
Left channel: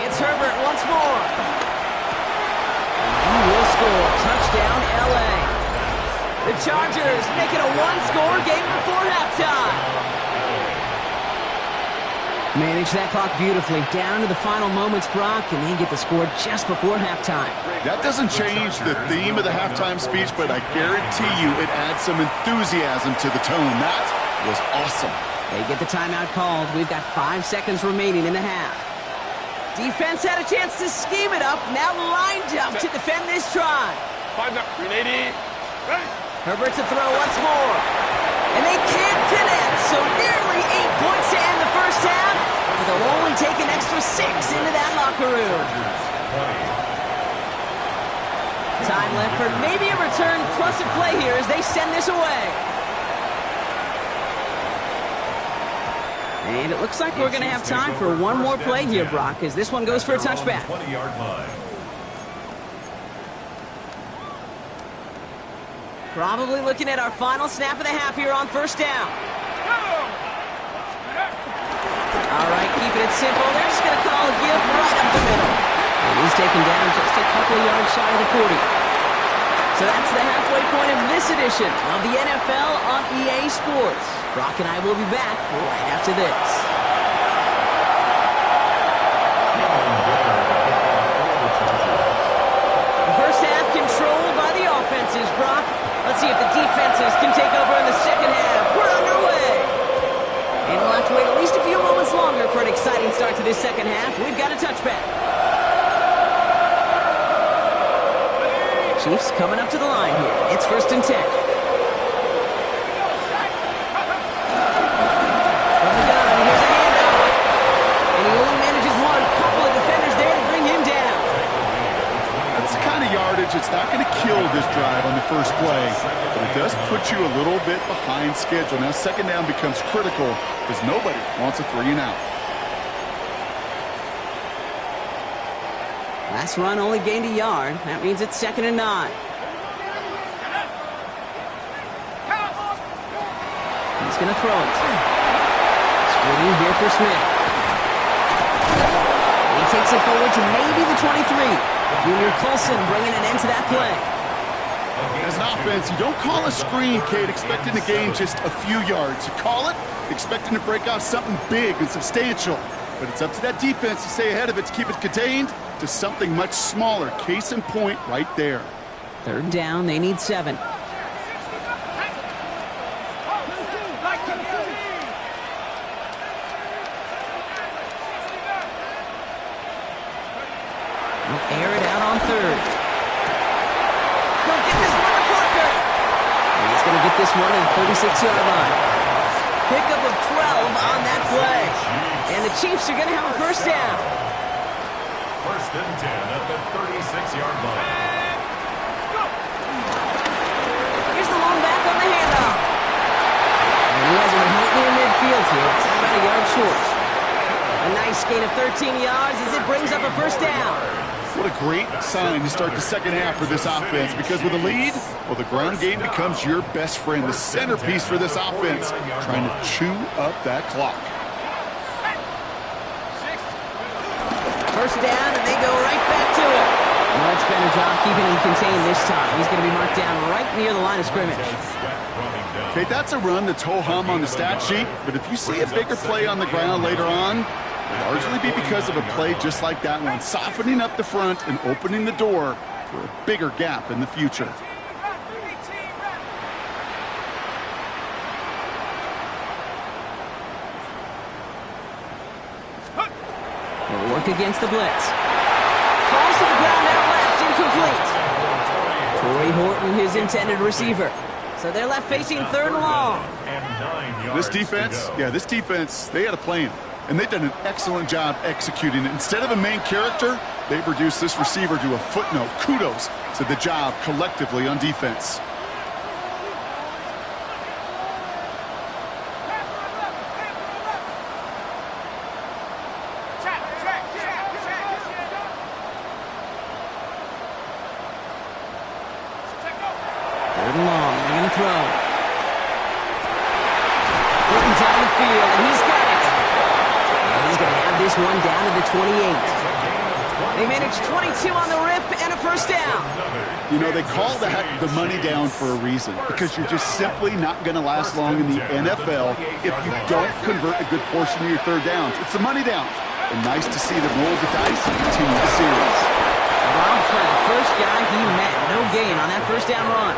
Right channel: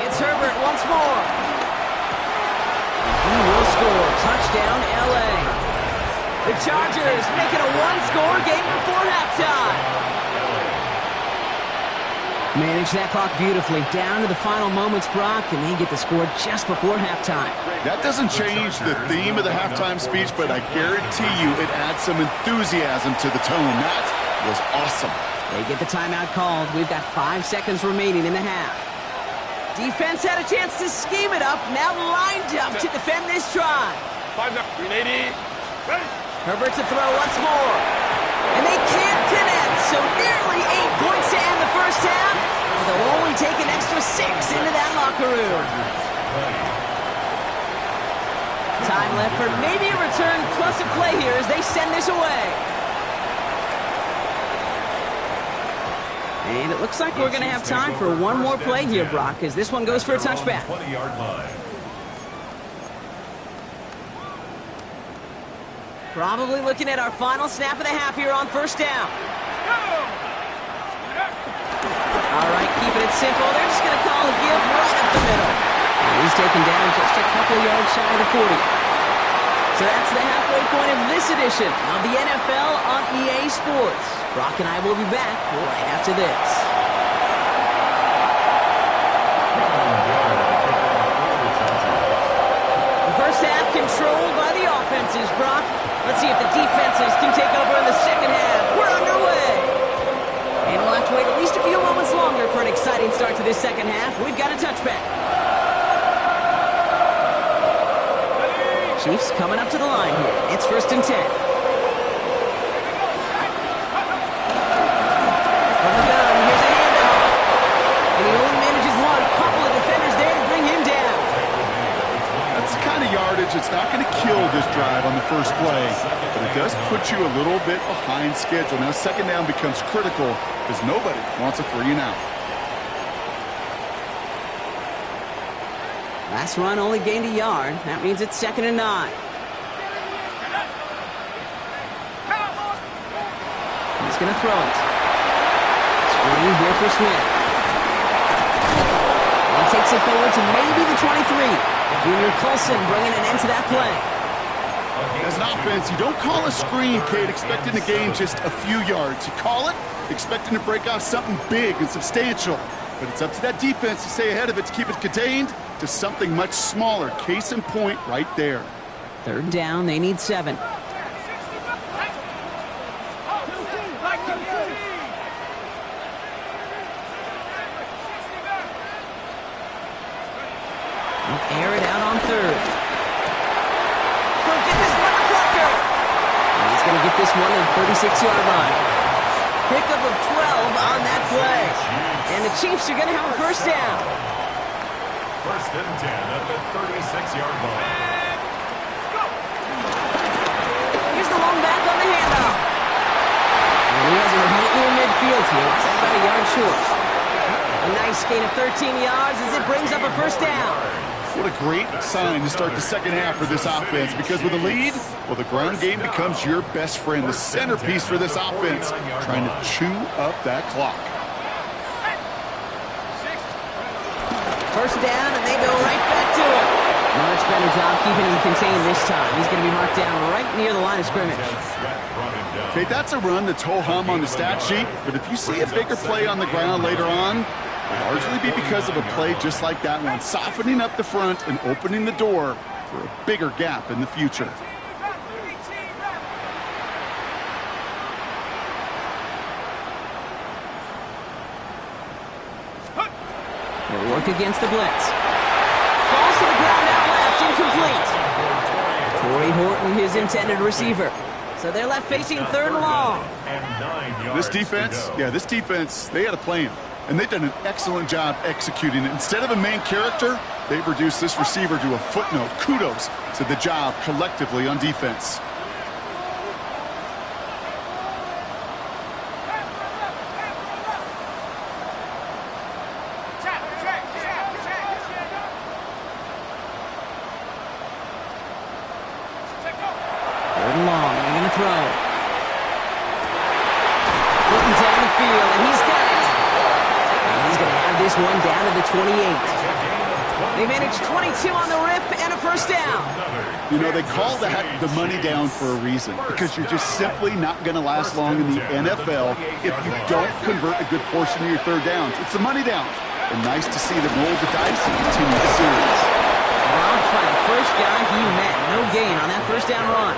It's Herbert once more. And he will score. Touchdown, LA. The Chargers make it a 1-score game before halftime. Manage that clock beautifully. Down to the final moments, Brock, and they get the score just before halftime. That doesn't change the theme of the halftime speech, but I guarantee you it adds some enthusiasm to the tone. That was awesome. They get the timeout called. We've got 5 seconds remaining in the half. Defense had a chance to scheme it up. Now lined up to defend this drive. 5 now. 380. Ready. Herbert to throw once more. And they can't connect, so nearly 8 points to end the first half. But they'll only take an extra 6 into that locker room. Time left for maybe a return plus a play here as they send this away. And it looks like we're going to have time for one more play here, Brock, as this one goes for a touchback. 20-yard line. Probably looking at our final snap of the half here on first down. All right, keeping it simple. They're just going to call a give right up the middle. And he's taken down just a couple yards shy of the 40. So that's the halfway point of this edition of the NFL on EA Sports. Brock and I will be back right after this. The first half controlled by the offenses, Brock. Let's see if the defenses can take over in the second half. We're underway. And we'll have to wait at least a few moments longer for an exciting start to this second half. We've got a touchback. Chiefs coming up to the line here. It's 1st and 10. From the yardage. It's not going to kill this drive on the first play, but it does put you a little bit behind schedule. Now, second down becomes critical because nobody wants a 3-and-out. Last run only gained a yard. That means it's 2nd and 9. He's going to throw it. Screen here for Smith. And he takes it forward to maybe the 23. Junior Colson bringing an end to that play. As an offense, you don't call a screen, Kate, expecting to gain just a few yards. You call it expecting to break off something big and substantial. But it's up to that defense to stay ahead of it, to keep it contained to something much smaller. Case in point right there. 3rd down, they need 7. They'll air it out on 3rd. He'll get this one to Parker. And he's going to get this one at the 36-yard line. Pickup of 12 on that play. And the Chiefs are going to have a 1st down. 1st and 10 at the 36-yard line. Here's the lone back on the handoff. And he has him right near midfield here. It's about a yard short. A nice gain of 13 yards as it brings up a 1st down. What a great sign to start the second half for this offense, because with a lead, well, the ground game becomes your best friend, the centerpiece for this offense, trying to chew up that clock. 1st down, and they go right back to it. Much better job keeping him contained this time. He's going to be marked down right near the line of scrimmage. Okay, that's a run that's ho-hum on the stat sheet, but if you see a bigger play on the ground later on, it'll largely be because of a play just like that one, softening up the front and opening the door for a bigger gap in the future. He'll work against the blitz. Falls to the ground out left, incomplete. Torrey Horton, his intended receiver. So they're left facing 3rd and long. This defense, they had a plan. And they've done an excellent job executing it. Instead of a main character, they've reduced this receiver to a footnote. Kudos to the job collectively on defense. Third and long, they're going to throw. Putting down the field, and he's got it. And he's going to have this one down to the 28. They managed 22 on the rip and a 1st down. You know, they call that the money down for a reason, because you're just simply not going to last long in the NFL if you don't convert a good portion of your 3rd downs. It's the money down. And nice to see them roll the dice and continue the series. Robbed by the first guy he met. No gain on that 1st down run.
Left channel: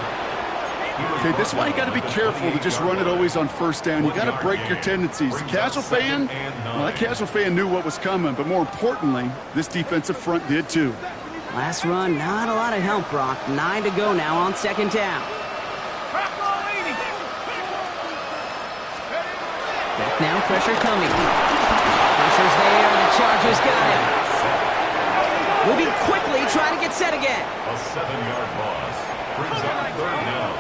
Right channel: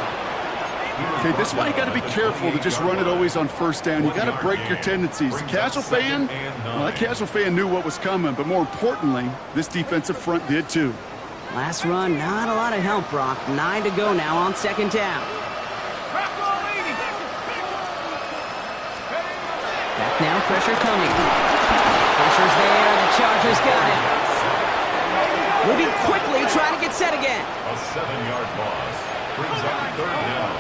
Okay, this is why you got to be careful to just run it always on 1st down. You got to break your tendencies. The casual fan, well, that casual fan knew what was coming, but more importantly, this defensive front did too. Last run, not a lot of help, Brock. 9 to go now on 2nd down. Back now, pressure coming. Pressure's there, the Chargers got him. Moving quickly, trying to get set again. A 7-yard loss brings up 3rd down.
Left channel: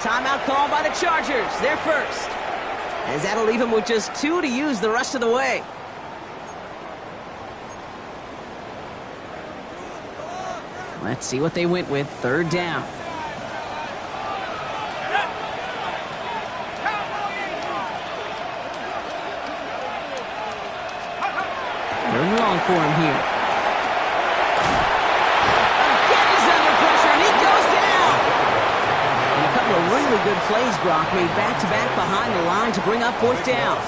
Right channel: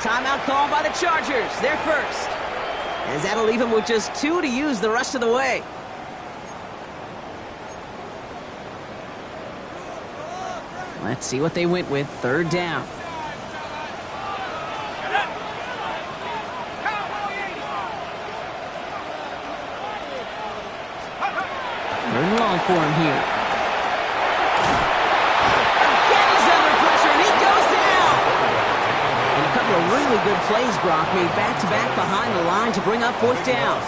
Timeout called by the Chargers. They're first. As that'll leave him with just 2 to use the rest of the way. Let's see what they went with. 3rd down. Third and long for him here. Again, he's under pressure, and he goes down. And a couple of really good plays, Brock, made back-to-back behind the line to bring up 4th down.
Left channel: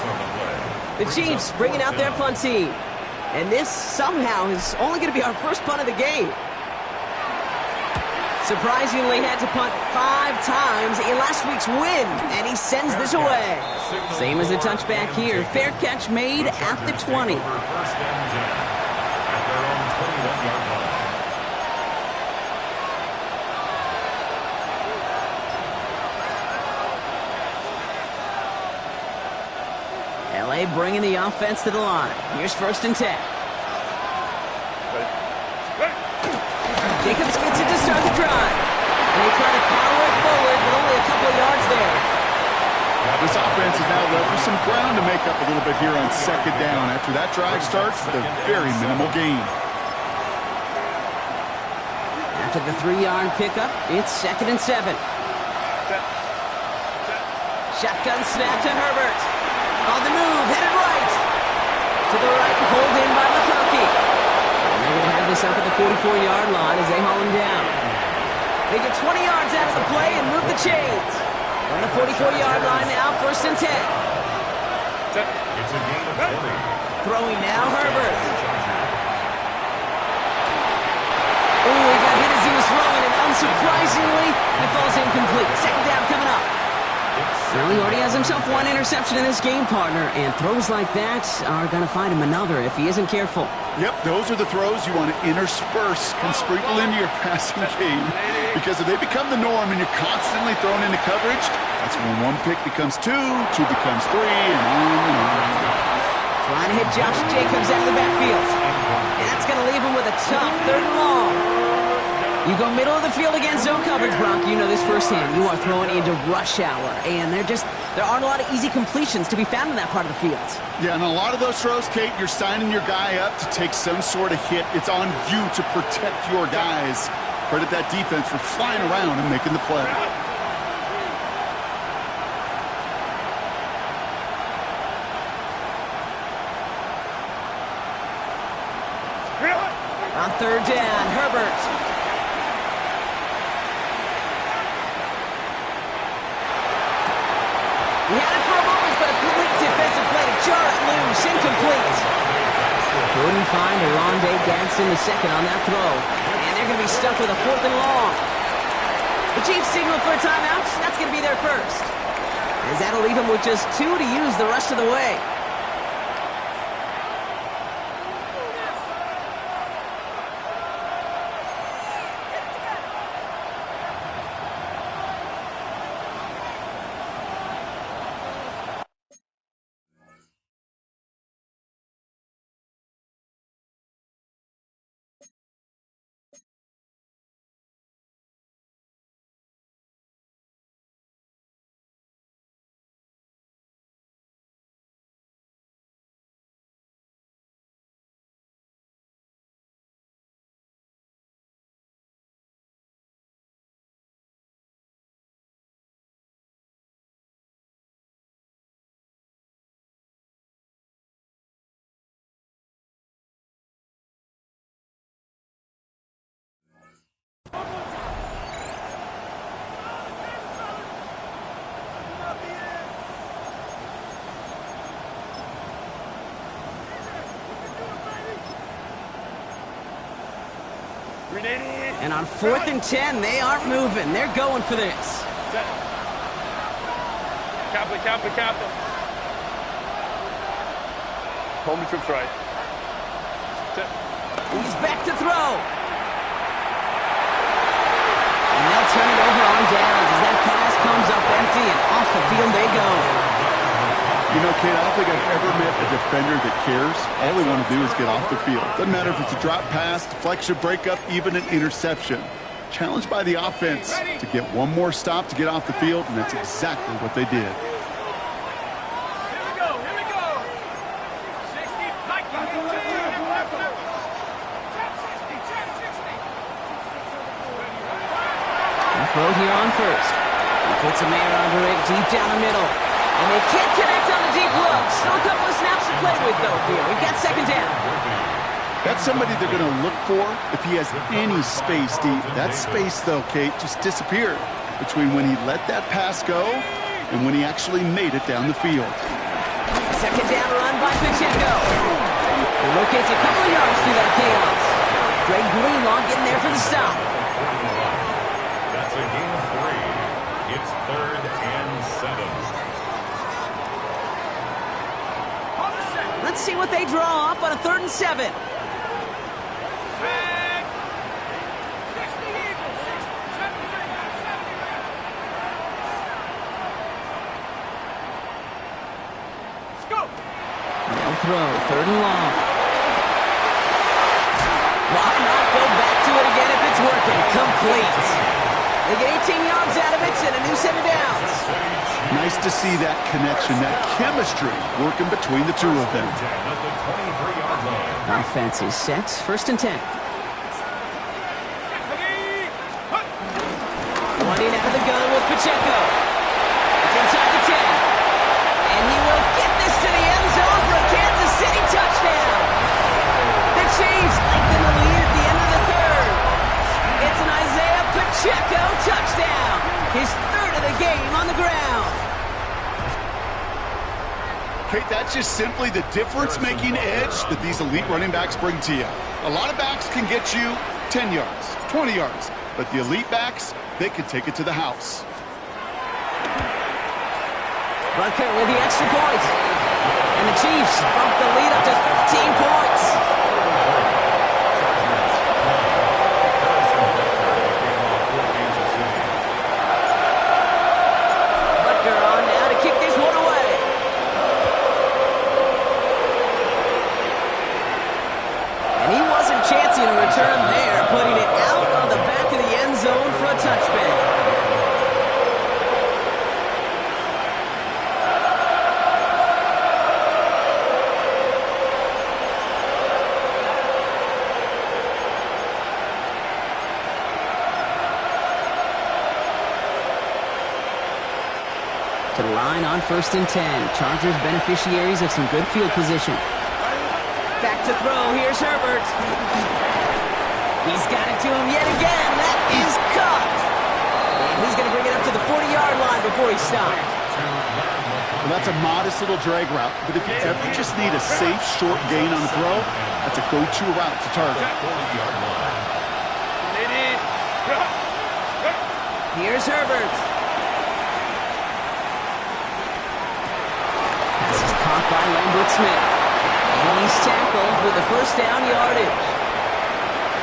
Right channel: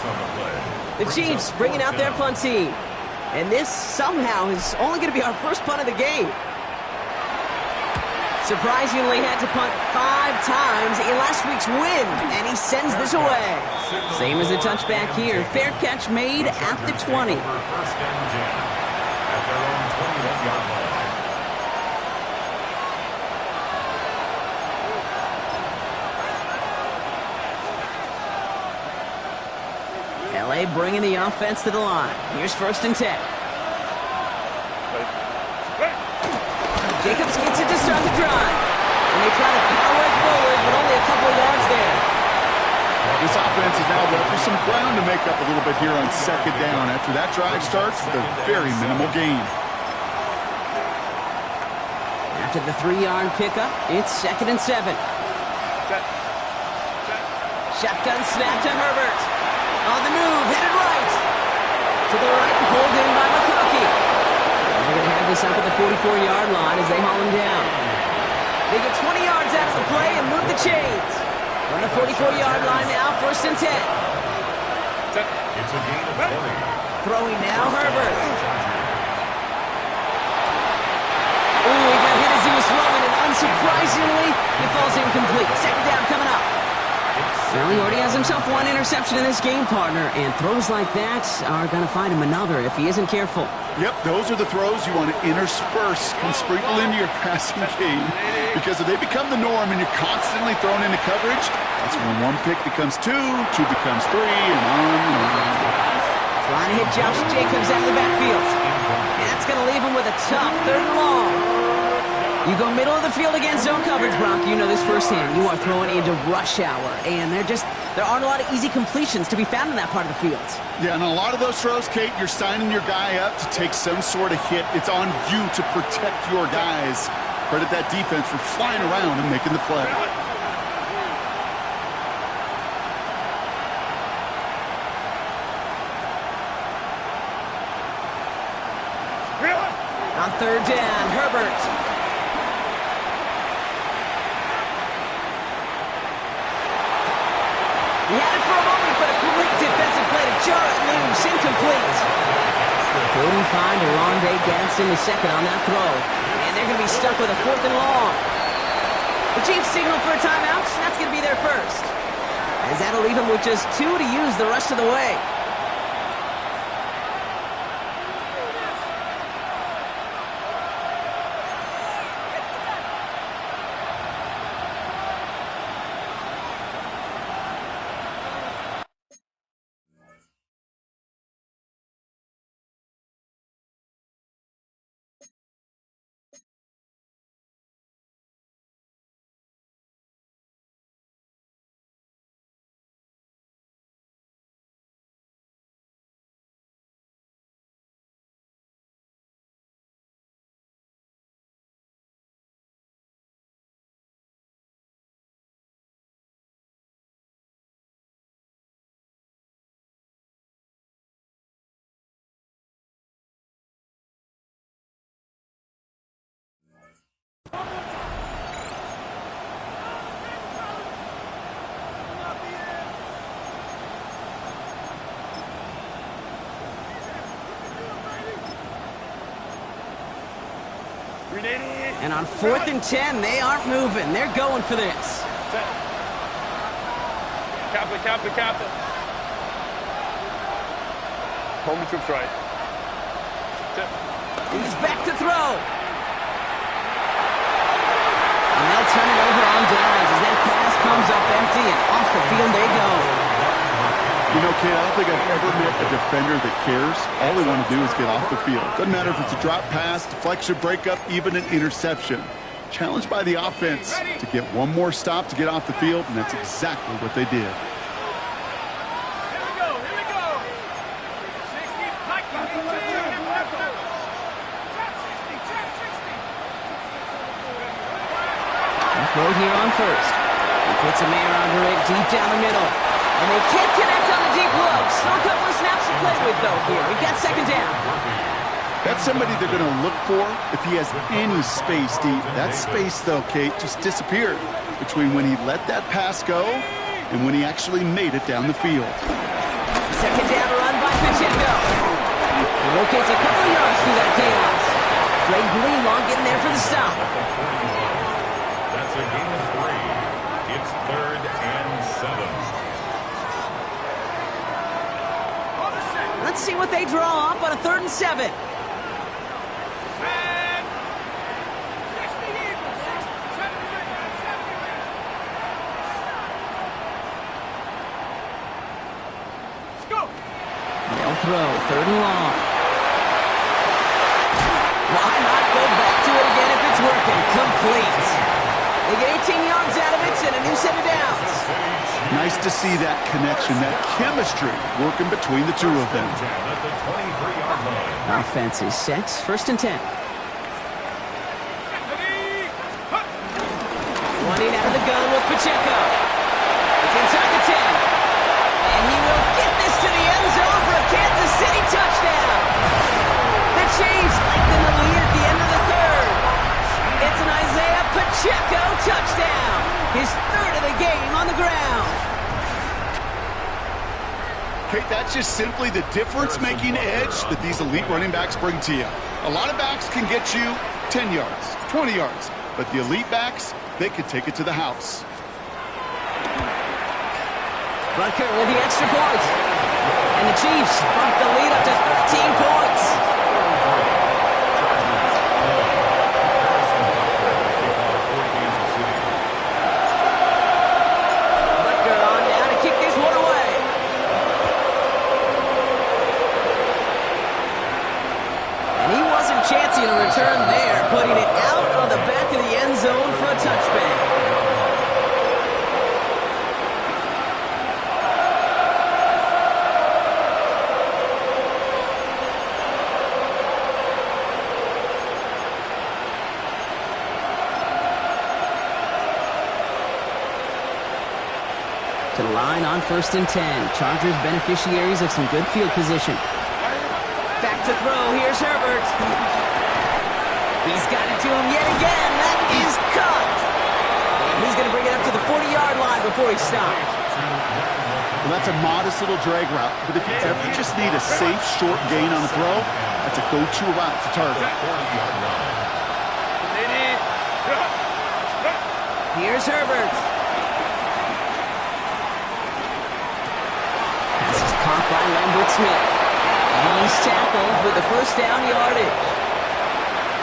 The Chiefs bringing out their punt team. And this somehow is only going to be our first punt of the game. Surprisingly had to punt 5 times in last week's win, and he sends this away. Same as a touchback here. Fair catch made at the 20. 1st and 10 at their own 21-yard line. LA bringing the offense to the line. Here's 1st and 10. Jacobs gets it to start the drive. And they try to power it forward, but only a couple of yards there. This offense is now left with some ground to make up a little bit here on second down after that drive starts with a very minimal gain. After the 3-yard pickup, it's 2nd and 7. Shotgun snap to Herbert. On the move, headed right. To the right, pulled in by McConkey. And they're going to have this up at the 44-yard line as they haul him down. They get 20 yards out of the play and move the chains. On the 44-yard line now, 1st and 10. It's a gain of 20. Throwing now, Herbert. Oh, he got hit as he was throwing, and unsurprisingly, it falls incomplete. 2nd down coming up. Well, he already has himself 1 interception in this game, partner, and throws like that are going to find him another if he isn't careful. Yep, those are the throws you want to intersperse and sprinkle into your passing game. Because if they become the norm and you're constantly thrown into coverage, that's when 1 pick becomes 2, 2 becomes 3, and on and on. Trying to hit Josh Jacobs out of the backfield. And that's going to leave him with a tough 3rd and long. You go middle of the field against zone coverage, Bronk. You know this firsthand. You are throwing into rush hour, and there aren't a lot of easy completions to be found in that part of the field. Yeah, and a lot of those throws, Kate, you're signing your guy up to take some sort of hit. It's on you to protect your guys. Credit that defense for flying around and making the play. On 3rd down, Herbert. He had it for a moment, but a great defensive play to jar it loose. Incomplete. Couldn't find Aronde Gadsden the second on that throw. And they're going to be stuck with a 4th and long. The Chiefs signal for a timeout. That's going to be their first. As that'll leave them with just 2 to use the rest of the way. And on 4th and 10, they aren't moving. They're going for this. Kappa. Home to troops right. He's back to throw. And they'll turn it over on downs as that pass comes up empty, and off the field they go. You know, Kate, I don't think I've ever met a defender that cares. All they want to do is get off the field. Doesn't matter if it's a drop pass, deflection, breakup, even an interception. Challenged by the offense to get one more stop to get off the field, and that's exactly what they did. Here we go. 60, Mike, you need to trap 60. Throw here on 1st. He puts a man under it deep down the middle. And they can't connect on the deep look. Still a couple of snaps to play with, though, here. We've got 2nd down. That's somebody they're going to look for if he has any space deep. That space, though, Kate, just disappeared between when he let that pass go and when he actually made it down the field. 2nd down run by Pacheco. He locates a couple of yards through that chaos. Greg Greenlaw getting there for the stop. That's a gain of 3. It's 3rd and 7. Let's see what they draw up on a 3rd and 7. They'll throw 3rd and long. Why not go back to it again if it's working. Complete. They get 18 yards out of it and a new set of downs. Nice to see that connection, that chemistry working between the two of them. At the 23-yard line. Offense is set. 1st and 10. Running out of the gun with Pacheco. It's inside the 10. And he will get this to the end zone for a Kansas City touchdown. The Chiefs lengthen the lead at the end of the 3rd. It's an Isaiah Pacheco touchdown. His 3rd of the game on the ground. Kate, that's just simply the difference-making edge that these elite running backs bring to you. A lot of backs can get you 10 yards, 20 yards, but the elite backs, they could take it to the house. Butker with the extra point. And the Chiefs bump the lead up to 13 points. Butker on now to kick this one away. And he wasn't chancing a return there, putting it out on the back of the end zone for a touchback. To the line on 1st and 10. Chargers beneficiaries of some good field position. Back to throw. Here's Herbert. He's got it to him yet again. That is caught. And he's going to bring it up to the 40-yard line before he stopped. Well, that's a modest little drag route, but if you ever just need a safe, short gain on the throw, that's a go-to route to target. Here's Herbert. Pass is caught by Lambert Smith. And he's tackled with the 1st down yardage.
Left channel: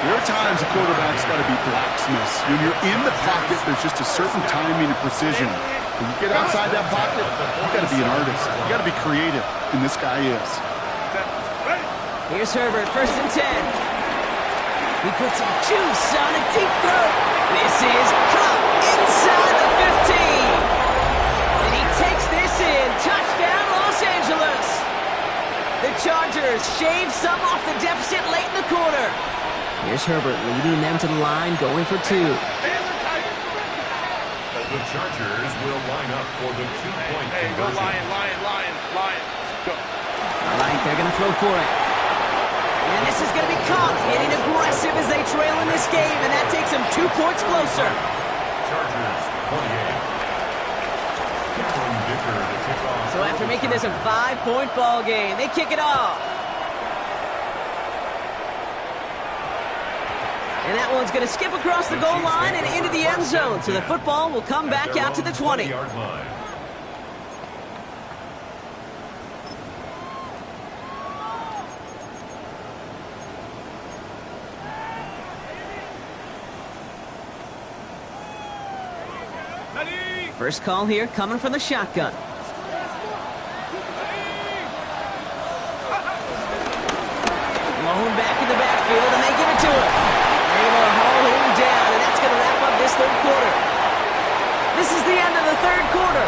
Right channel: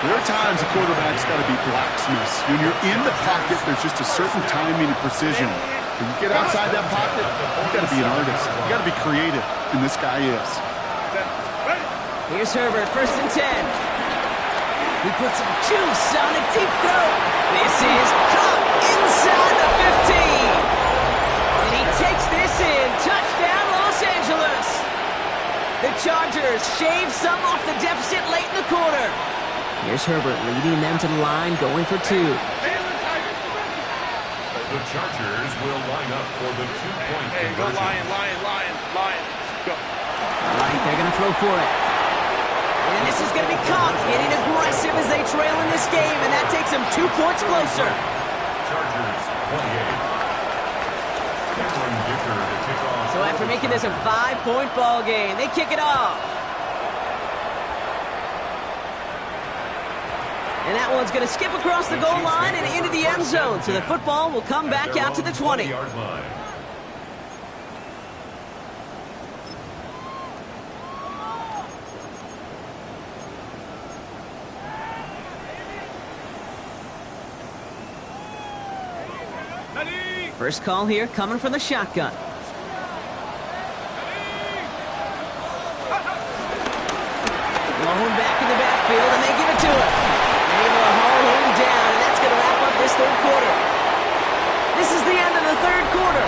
There are times a quarterback's got to be blacksmiths. When you're in the pocket, there's just a certain timing and precision. When you get outside that pocket, you got to be an artist. You got to be creative, and this guy is. Here's Herbert, 1st and 10. He puts some juice on a deep throw. This is caught inside the 15. And he takes this in. Touchdown, Los Angeles. The Chargers shave some off the deficit late in the quarter. Here's Herbert leading them to the line, going for 2. The Chargers will line up for the 2-point conversion. Go Lion. Go. All right, they're going to throw for it. And this is going to be caught, getting aggressive as they trail in this game, and that takes them 2 points closer. Chargers 28. So after making this a 5-point ball game, they kick it off. And that one's going to skip across the goal line and into the end zone. So the football will come back out to the 20. First call here coming from the shotgun. Blown back in the backfield, and they give it to him. They're able to haul him down, and that's going to wrap up this 3rd quarter. This is the end of the 3rd quarter.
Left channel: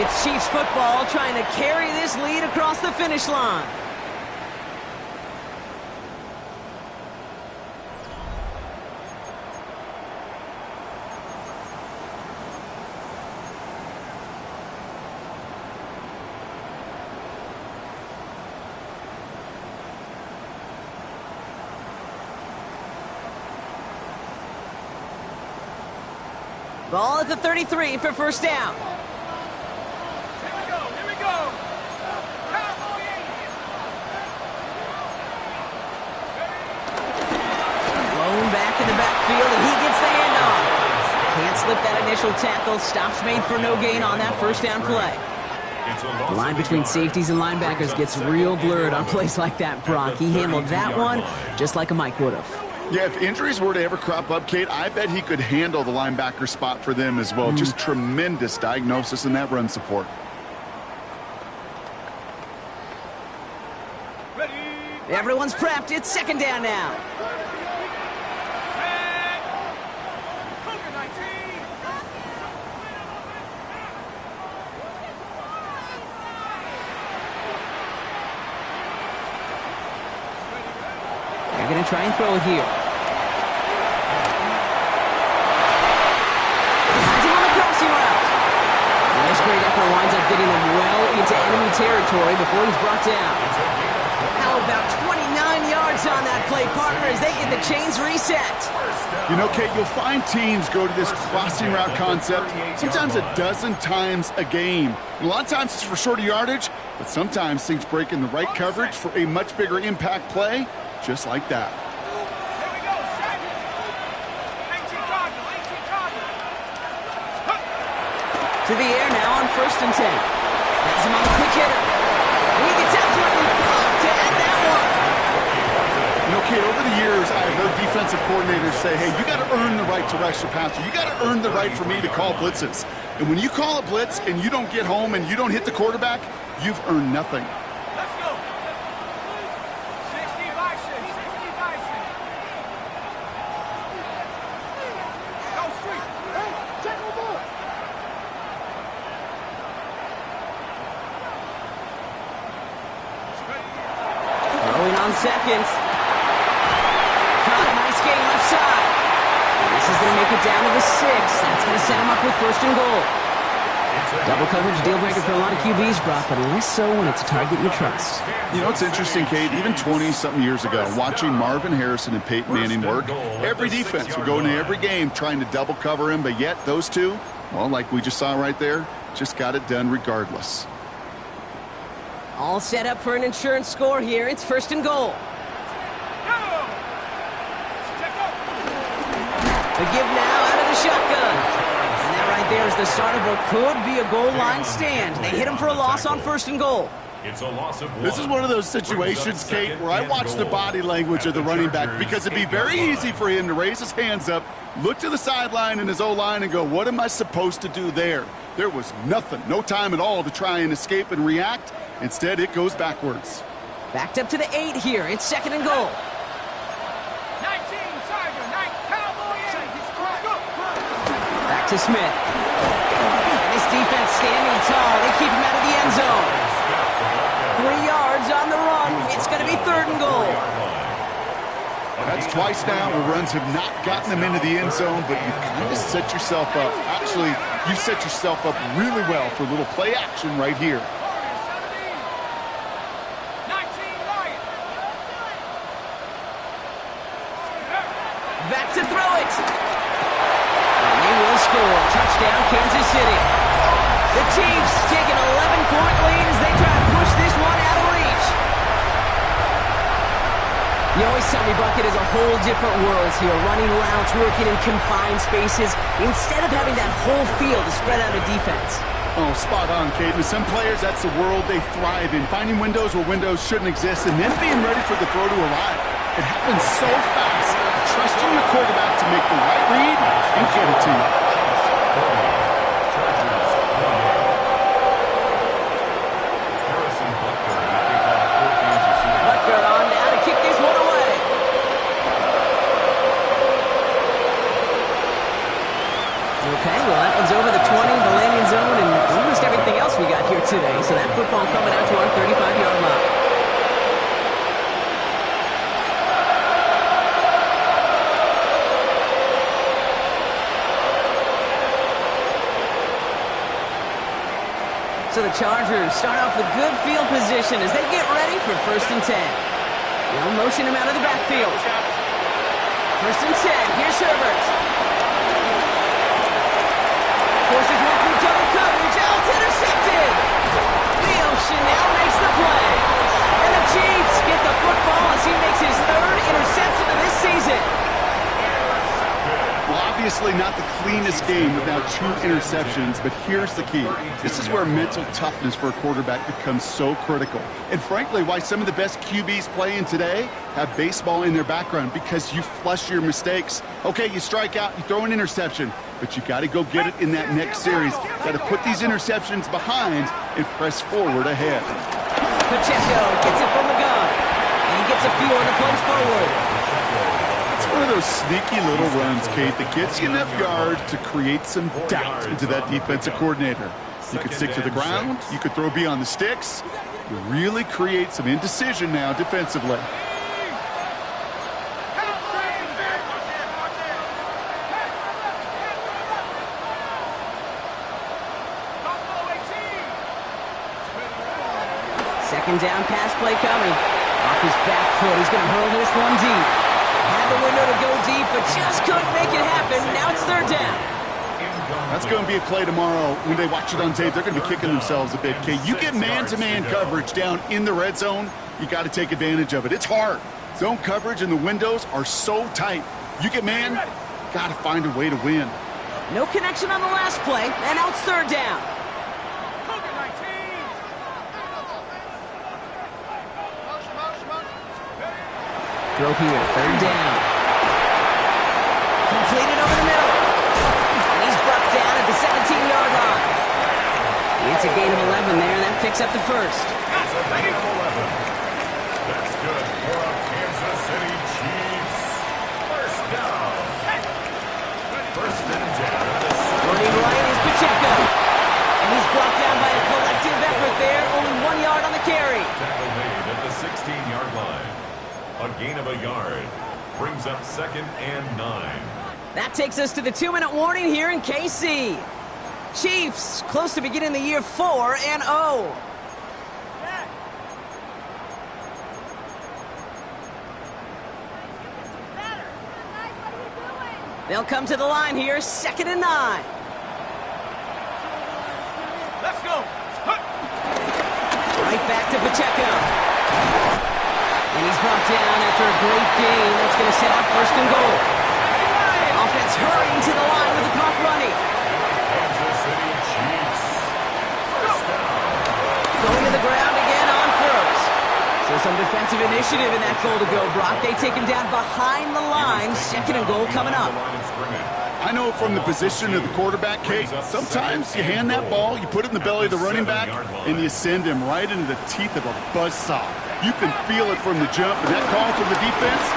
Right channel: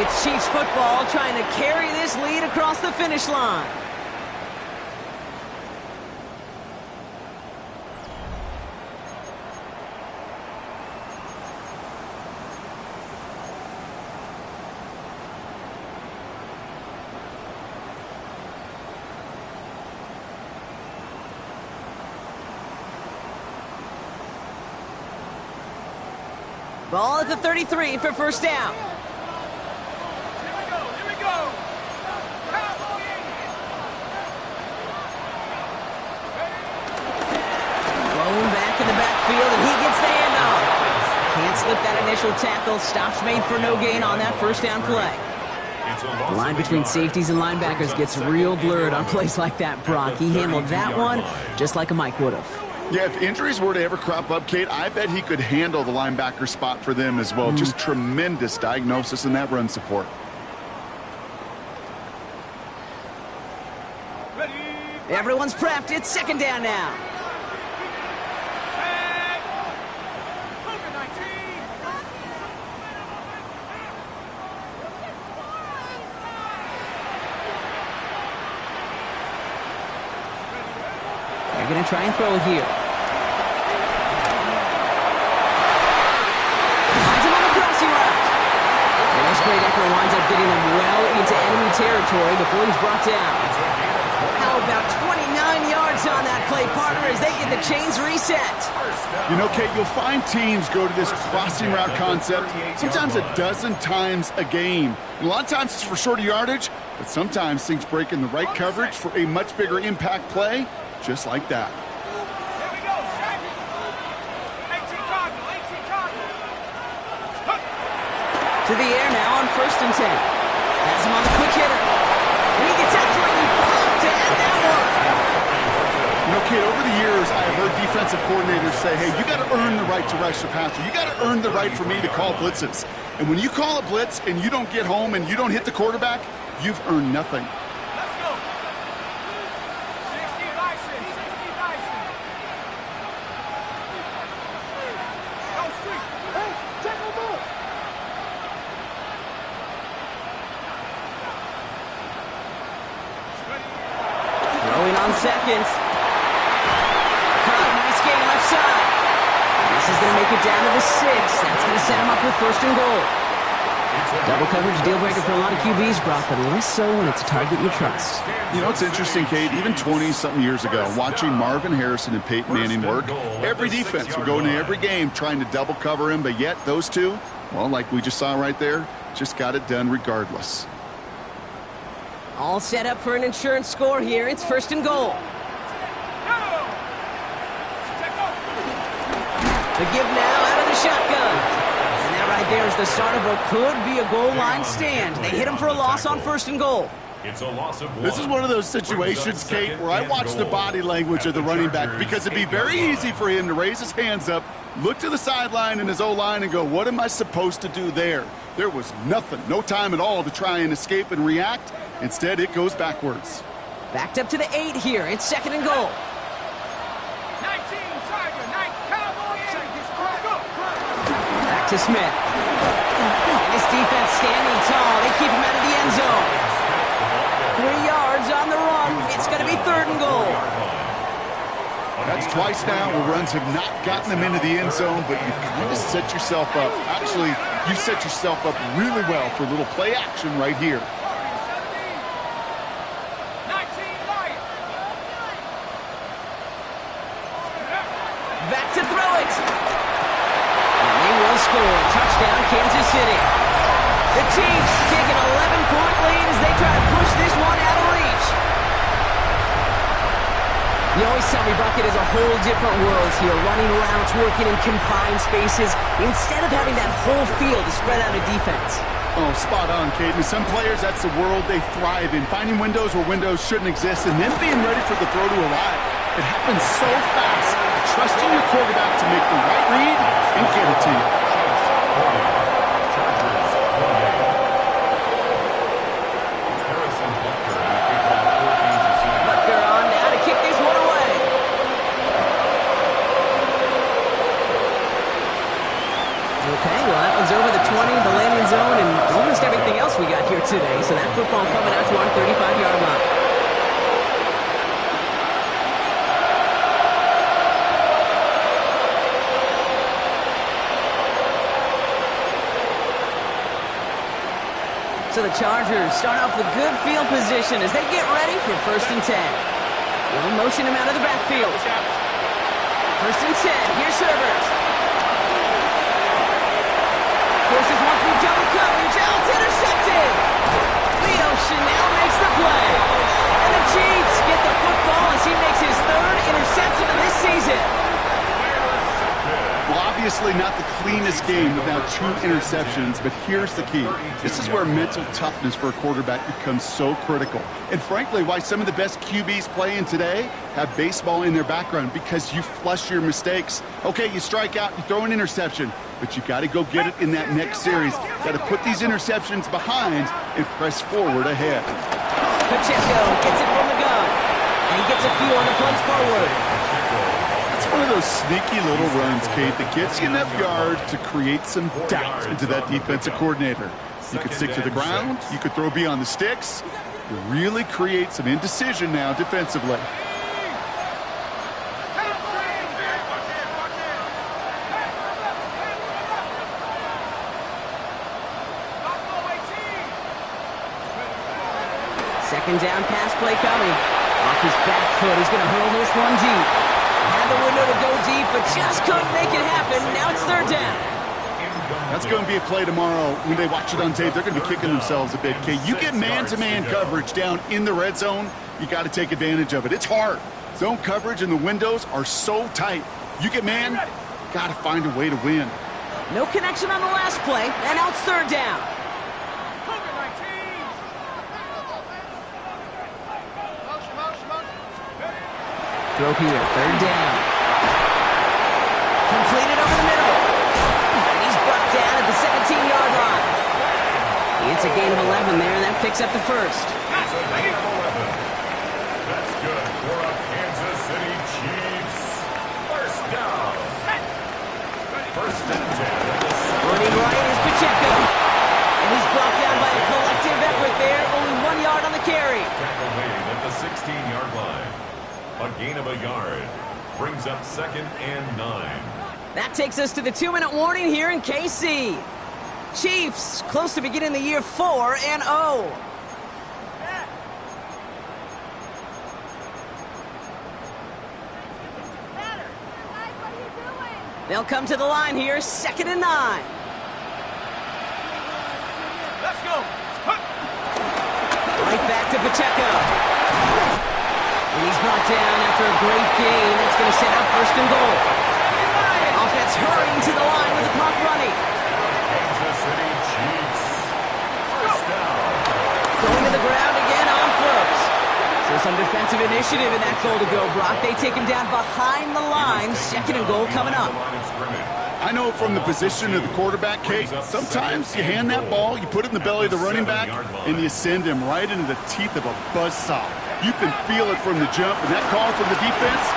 It's Chiefs football trying to carry this lead across the finish line. Ball at the 33 for 1st down. Here we go. Blown back in the backfield, and he gets the handoff. Can't slip that initial tackle. Stops made for no gain on that 1st down play. The line between safeties and linebackers gets real blurred on plays like that, Brock. He handled that one just like a Mike would have. Yeah, if injuries were to ever crop up, Kate, I bet he could handle the linebacker spot for them as well. Just tremendous diagnosis in that run support. Everyone's prepped. It's 2nd down now. They're going to try and throw it here. Finds him on the crossing route. And this great effort winds up getting them well into enemy territory before he's brought down. How about 29 yards on that play, partner, as they get the chains reset? You know, Kate, you'll find teams go to this crossing route concept sometimes a dozen times a game. And a lot of times it's for shorter yardage, but sometimes things break in the right coverage for a much bigger impact play, just like that. Here we go, set. 18 Cardinal, 18 Cardinal. To the air now on 1st and 10. Has him on the quick hitter. And he gets absolutely popped to end that one. You know, Kate, over the years, I've heard defensive coordinators say, hey, you got to earn the right to rush the passer. You got to earn the right for me to call blitzes. And when you call a blitz and you don't get home and you don't hit the quarterback, you've earned nothing. Let's go. 60 Bison, 60 Bison. Go street. Hey, check on board. Throwing on seconds. Caught, nice gain left side. And this is going to make it down to the 6. That's going to set him up with 1st and goal. Double coverage deal breaker for a lot of QBs, Brock, but less so when it's a target you trust. You know, it's interesting, Kate, even 20-something years ago, watching Marvin Harrison and Peyton Manning work, every defense would go into every game trying to double cover him, but yet those two, well, like we just saw right there, just got it done regardless. All set up for an insurance score here. It's 1st and goal. Go. Check go. The give now out of the shotgun. And that right there is the start of what could be a goal line stand. They hit him for a loss on 1st and goal. It's a loss of 1. This is one of those situations, Kate, where I watch the body language of the running back because it'd be very easy for him to raise his hands up, look to the sideline in his O-line and go, what am I supposed to do there? There was nothing, no time at all to try and escape and react. Instead, it goes backwards. Backed up to the 8 here. It's 2nd and goal. 19 Tiger, 9 Cowboy. Go. Back to Smith. And his defense standing tall. They keep him out of the end zone. 3 yards on the run. It's going to be 3rd and goal. That's twice now where runs have not gotten them into the end zone, but you've kind of set yourself up. Actually, you set yourself up really well for a little play action right here. 19 Lion. Back to throw it. And they will score. Touchdown, Kansas City. The Chiefs take an 11-point lead as they try to push this one out of reach. You always tell me, Bucket, is a whole different world here. Running routes, working in confined spaces, instead of having that whole field to spread out a defense. Oh, spot on, Kate. And some players, that's the world they thrive in. Finding windows where windows shouldn't exist and then being ready for the throw to arrive. It happens so fast. Trusting your quarterback to make the right read and get it to you. Chargers 28. Harrison Butker in the kickoff for Kansas City. Butker on now to kick this one away. Okay, well, that one's over the 20, the landing zone, and almost everything else we got here today. So that football coming out to our 35-yard line. So the Chargers start off with good field position as they get ready for 1st and 10. They'll motion him out of the backfield. 1st and 10. Here's Herbert. Forces one through double coverage. Oh, it's intercepted. Leo Chanel makes the play. And the Chiefs get the football as he makes his 3rd interception of this season. Well, obviously not the cleanest game without 2 interceptions, but here's the key. This is where mental toughness for a quarterback becomes so critical. And frankly, why some of the best QBs playing today have baseball in their background, because you flush your mistakes. Okay, you strike out, you throw an interception, but you got to go get it in that next series. Got to put these interceptions behind and press forward ahead. Pacheco gets it from the gun, and he gets a few on the plunge forward. It's one of those sneaky little runs, Kate, that gets you enough yards to create some doubt into that defensive coordinator. You could stick to the ground. You could throw beyond the sticks. You really create some indecision now defensively. Second down pass play coming. Off his back foot, he's going to hurl this one deep. Had the window to go deep, but just couldn't make it happen. Now it's third down. That's going to be a play tomorrow. When they watch it on tape, they're going to be kicking themselves a bit. Okay, you get man-to-man coverage down in the red zone, you got to take advantage of it. It's hard. Zone coverage and the windows are so tight. You get man, got to find a way to win. No connection on the last play, and now it's third down. Cougar 19. Throw here, third down. Completed over the middle. And he's brought down at the 17-yard line. It's a gain of 11 there, and that picks up the first. It's a gain of 11. That's good for a Kansas City Chiefs. First down. First and 10. Running right is Pacheco. And he's brought down by a collective effort there. Only 1 yard on the carry. Tackle made at the 16-yard line. A gain of a yard. Brings up second and 9. That takes us to the 2-minute warning here in KC. Chiefs close to beginning the year 4-0. They'll come to the line here, second and 9. Let's go. Right back to Pacheco. And he's brought down after a great gain. That's going to set up first and goal. Offense hurrying to the line with the clock running. Kansas City Chiefs. First down. Going to the ground again on first. So some defensive initiative in that goal to go, Brock. They take him down behind the line. Second and goal coming up. I know from the position of the quarterback, Kate, sometimes you hand that ball, you put it in the belly of the running back, and you send him right into the teeth of a buzzsaw. You can feel it from the jump, and that call from the defense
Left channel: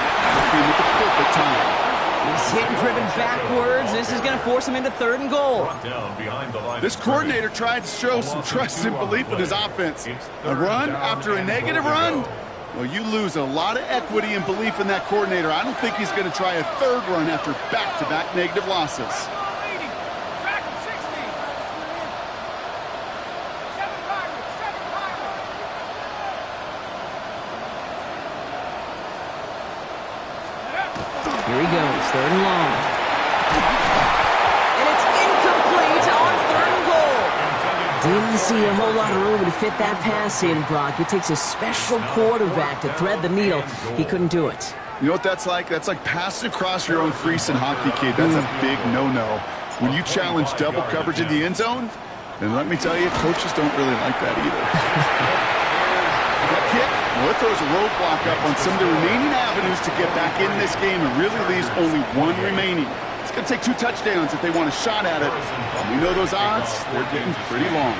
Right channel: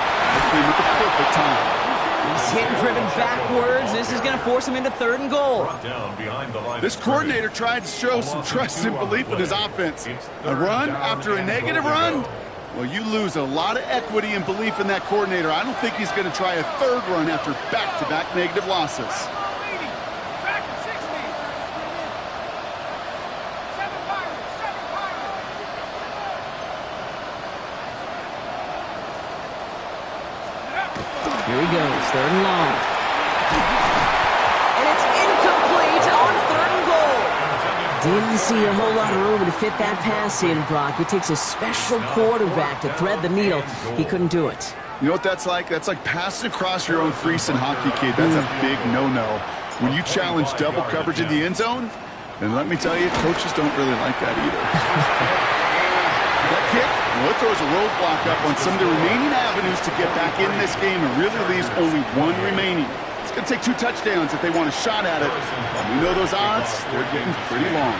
came at the perfect time. He's hit and driven backwards. This is going to force him into third and goal. This coordinator tried to show some trust and belief in his offense. A run after a negative run? Well, you lose a lot of equity and belief in that coordinator. I don't think he's going to try a third run after back-to-back negative losses. Track him 60. 7 Pirates. 7 Pirates. Here he goes, third and long. And it's incomplete on third and goal. Didn't see a whole lot of room to fit that pass in, Brock. It takes a special quarterback to thread the needle. He couldn't do it. You know what that's like? That's like passing across your own crease in hockey, kid. That's a big no-no. When you challenge double coverage in the end zone, then let me tell you, coaches don't really like that either. That kick, well, it throws a roadblock up on some of the remaining avenues to get back in this game and really leaves only one remaining. It's going to take 2 touchdowns if they want a shot at it. And we know those odds, they're getting pretty long.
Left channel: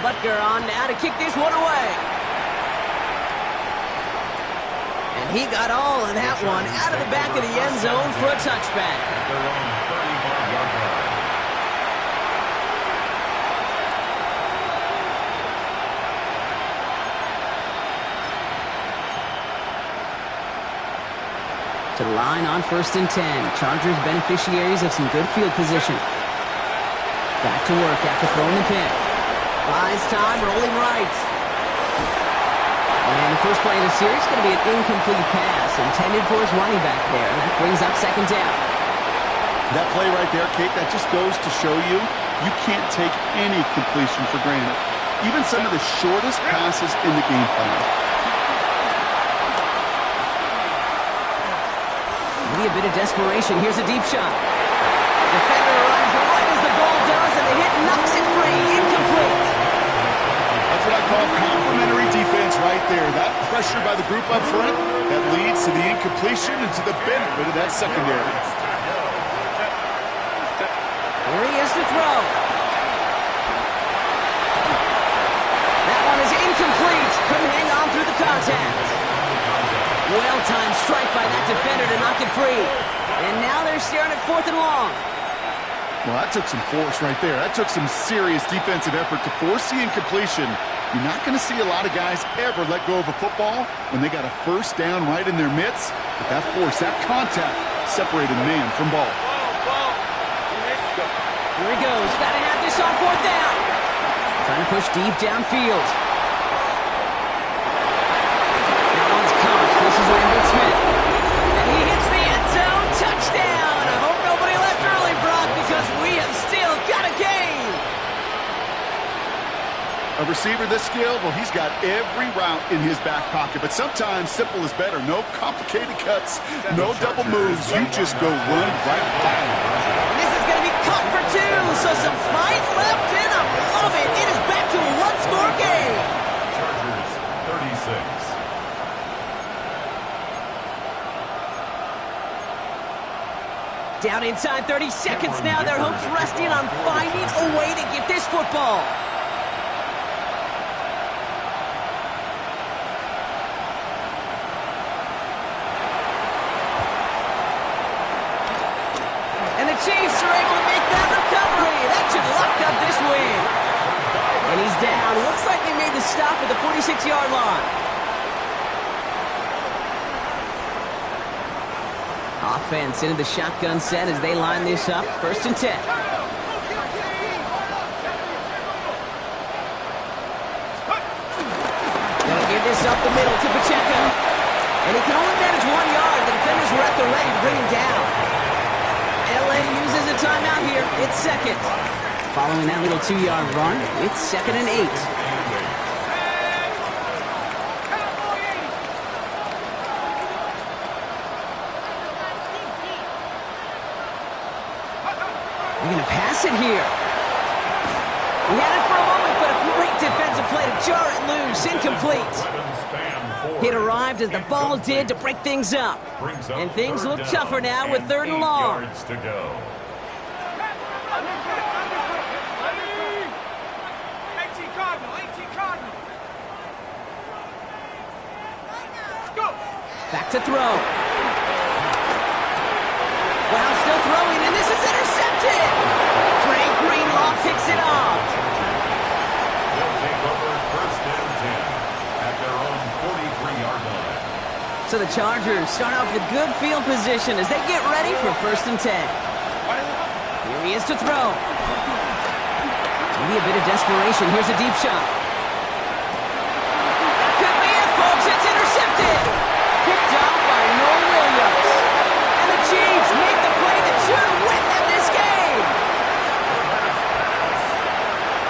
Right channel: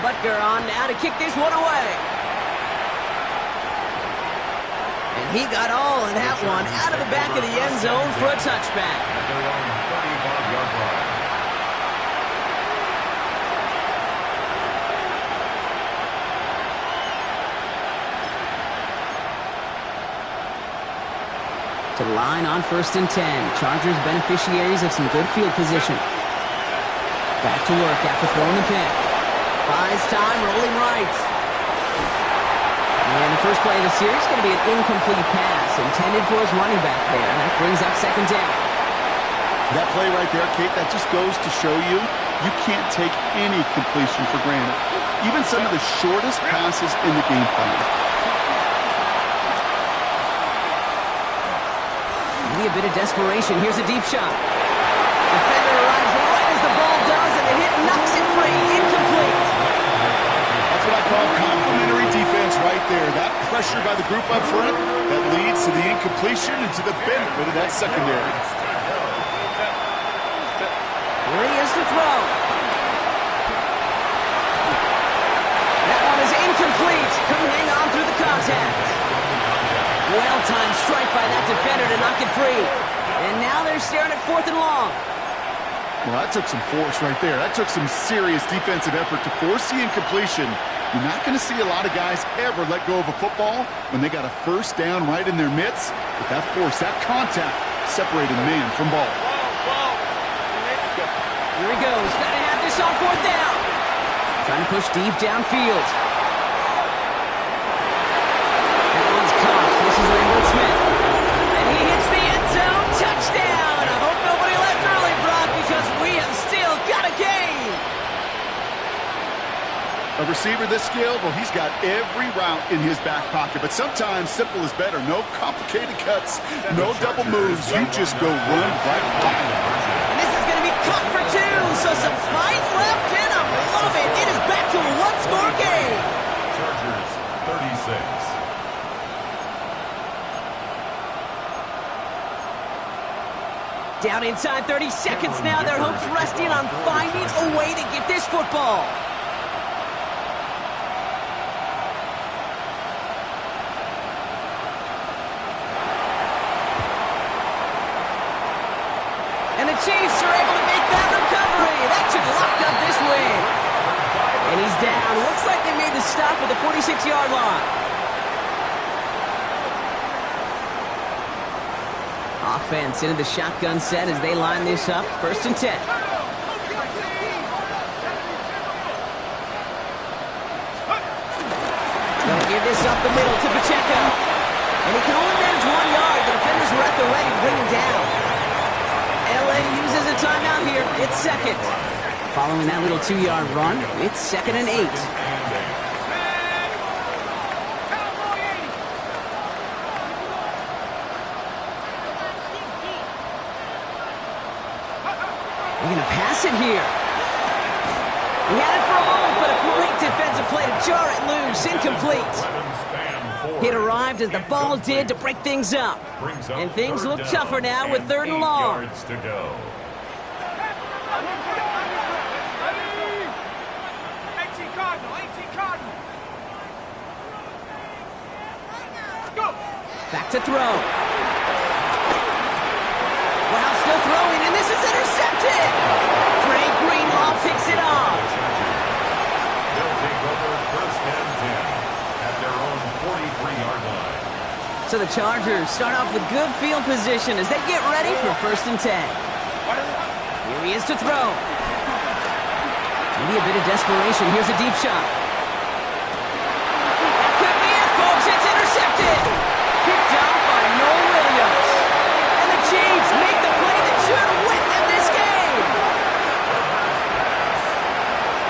Butker on now to kick this one away. And he got all of that one out of the back of the end zone for a touchback. At their own 35-yard line. To the line on first and 10. Chargers beneficiaries of some good field position. Back to work after throwing the pick. Buys time, rolling right. And the first play of the series is going to be an incomplete pass intended for his running back there. And that brings up second down. That play right there, Kate, that just goes to show you, you can't take any completion for granted. Even some of the shortest passes in the game plan. Maybe a bit of desperation. Here's a deep shot. Defender arrives right as the ball does, and the hit knocks it free. Incomplete. That's what I call complimentary defense right there. That pressure by the group up front, that leads to the incompletion and to the benefit of that secondary. Here he is to throw. That one is incomplete. Couldn't hang on through the contact. Well-timed strike by that defender to knock it free. And now they're staring at fourth and long. Well, that took some force right there. That took some serious defensive effort to force the incompletion. You're not going to see a lot of guys ever let go of a football when they got a first down right in their midst. But that force, that contact, separated man from ball. Here he goes. Got to have this on fourth down. Trying to push deep downfield. one's caught. This is Lambert Smith. And he hits the end zone. Touchdown! I hope nobody left early, Brock, because we have still got a game. A receiver this skilled, well, he's got every route in his back pocket. But sometimes simple is better. No complicated cuts, no double moves. You just go run right by it. And this is going to be caught for two. So some fight left in him. Love it. It is back to a one-score game. Chargers 36. Down inside 30 seconds now. Their hopes resting on finding a way to get this football. And the Chiefs are able to make that recovery. That should lock up this win. And he's down. Looks like they made the stop at the 46-yard line. Offense into the shotgun set as they line this up. 1st and 10. They'll give this up the middle to Pacheco. And he can only manage 1 yard. The defenders were at the ready to bring him down. LA uses a timeout here. It's second. Following that little 2-yard run, it's 2nd and 8. They're going to pass it here. He had it for a moment, but a great defensive play to jar it loose. Incomplete. It arrived as the ball did to break things up. And things look tougher now with 3rd and long. 8 yards to go. 18 Cardinal, 18 Cardinal. Go. Back to throw. Wow, still throwing, and this is intercepted. Trey Greenlaw picks it off. They'll take over 1st and 10 at their own 43-yard line. So the Chargers start off with good field position as they get ready for 1st and 10. Here he is to throw. Maybe a bit of desperation. Here's a deep shot. That could be it, folks. It's intercepted. Picked off by Noel Williams. And the Chiefs make the play that should win them this game.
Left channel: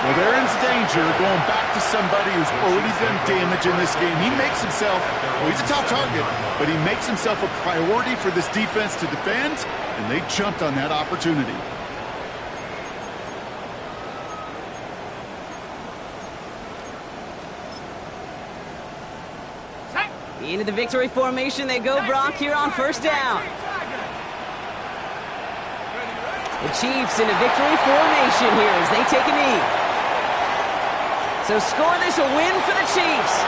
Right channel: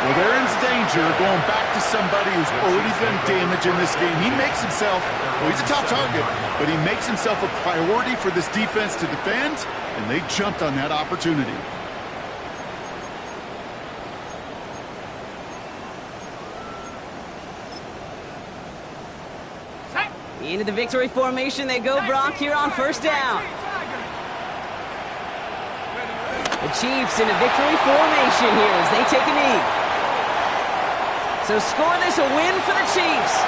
Well, they're in danger going back to somebody who's already done damage in this game. He makes himself, well, he's a top target, but he makes himself a priority for this defense to defend, and they jumped on that opportunity. Into the victory formation they go, Brock, here on 1st down. The Chiefs in a victory formation here as they take a knee. So score this a win for the Chiefs.